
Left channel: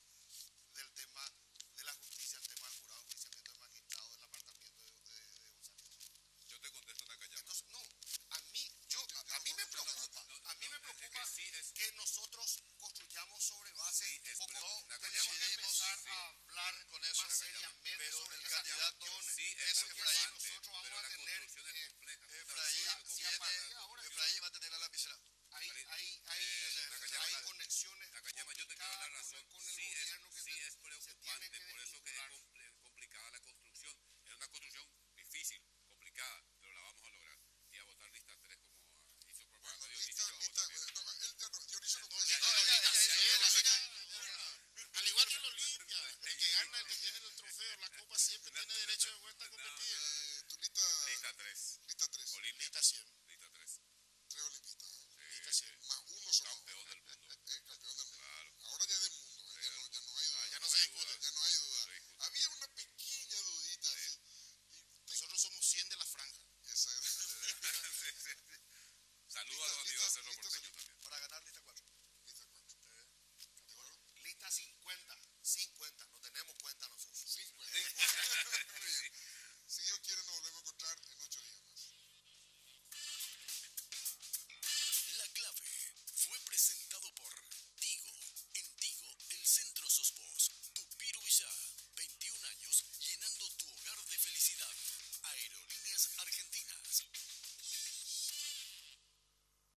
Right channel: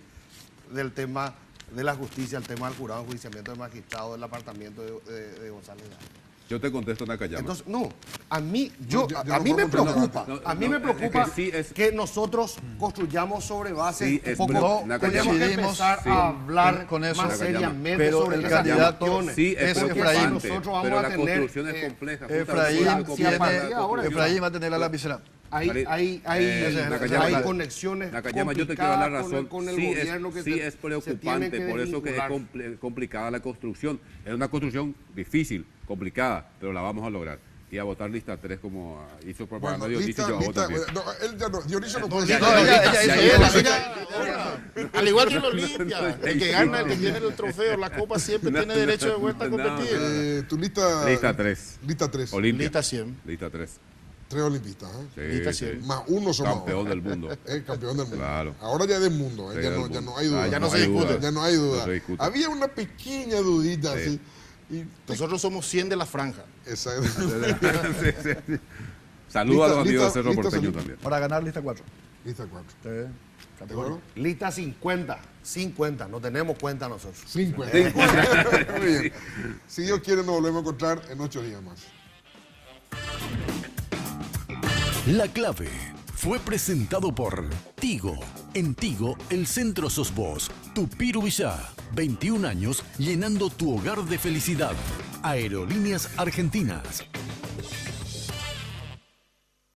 del tema de la justicia, el tema del jurado de enjuiciamiento del magistrado, del apartamiento de González Gallo? Yo te contesto en Nakayama. Entonces, no, a mí, ya a no mí me puedo contestar. preocupa, No, a mí no, me es preocupa que sí es- que nosotros construyamos sobre bases Sí, un es poco, no, tenemos que coincidimos, empezar sí, a hablar con eso. más Nakayama. seriamente Pero sobre el esas candidato cuestiones. Sí, es Ese preocupante, Efraín, nosotros vamos pero a la tener, construcción es compleja. Efraín justamente si a partir de tiene, ahora- Efraín va a tener la lapicera. Hay Nakayama, hay conexiones Nakayama, yo te quiero dar la complicadas razón. con el sí gobierno que sí se- es se tiene preocupante, por eso que es desvincular. complicada la construcción. Es una construcción difícil, complicada, pero la vamos a lograr. Y a votar lista 3 como hizo propaganda Bueno, Dionisio, yo hago también. no, él ya no, Dionisio no puede No, decir. Al igual que el Olimpia, el que gana, el que tiene el trofeo, la copa siempre tiene derecho de vuelta a competir. Tu lista... Lista 3. Lista 3. Olimpia. Lista 100. Lista 3. 3 olimpistas. Sí, Lista sí. 100. Más uno somos Campeón ahora. del mundo. Campeón del mundo. Claro. Ahora ya es del mundo. Sí, ya, del no, ya mundo. no hay duda. ya no se hay discute. duda. Ya no hay duda. No se discute. Había una pequeña dudita así. Y, Nosotros somos 100 de la franja. exacto. Sí, sí, sí. Saludos a los amigos de Cerro lista Porteño salida. también. Para ganar lista 4. Lista 4. ¿De acuerdo? Lista 50, no tenemos cuenta nosotros. 50. Muy bien. Si Dios quiere, nos volvemos a encontrar en 8 días más. La clave fue presentado por Tigo. En Tigo, el centro sos vos. Tupiru Villá. 21 años llenando tu hogar de felicidad. Aerolíneas Argentinas.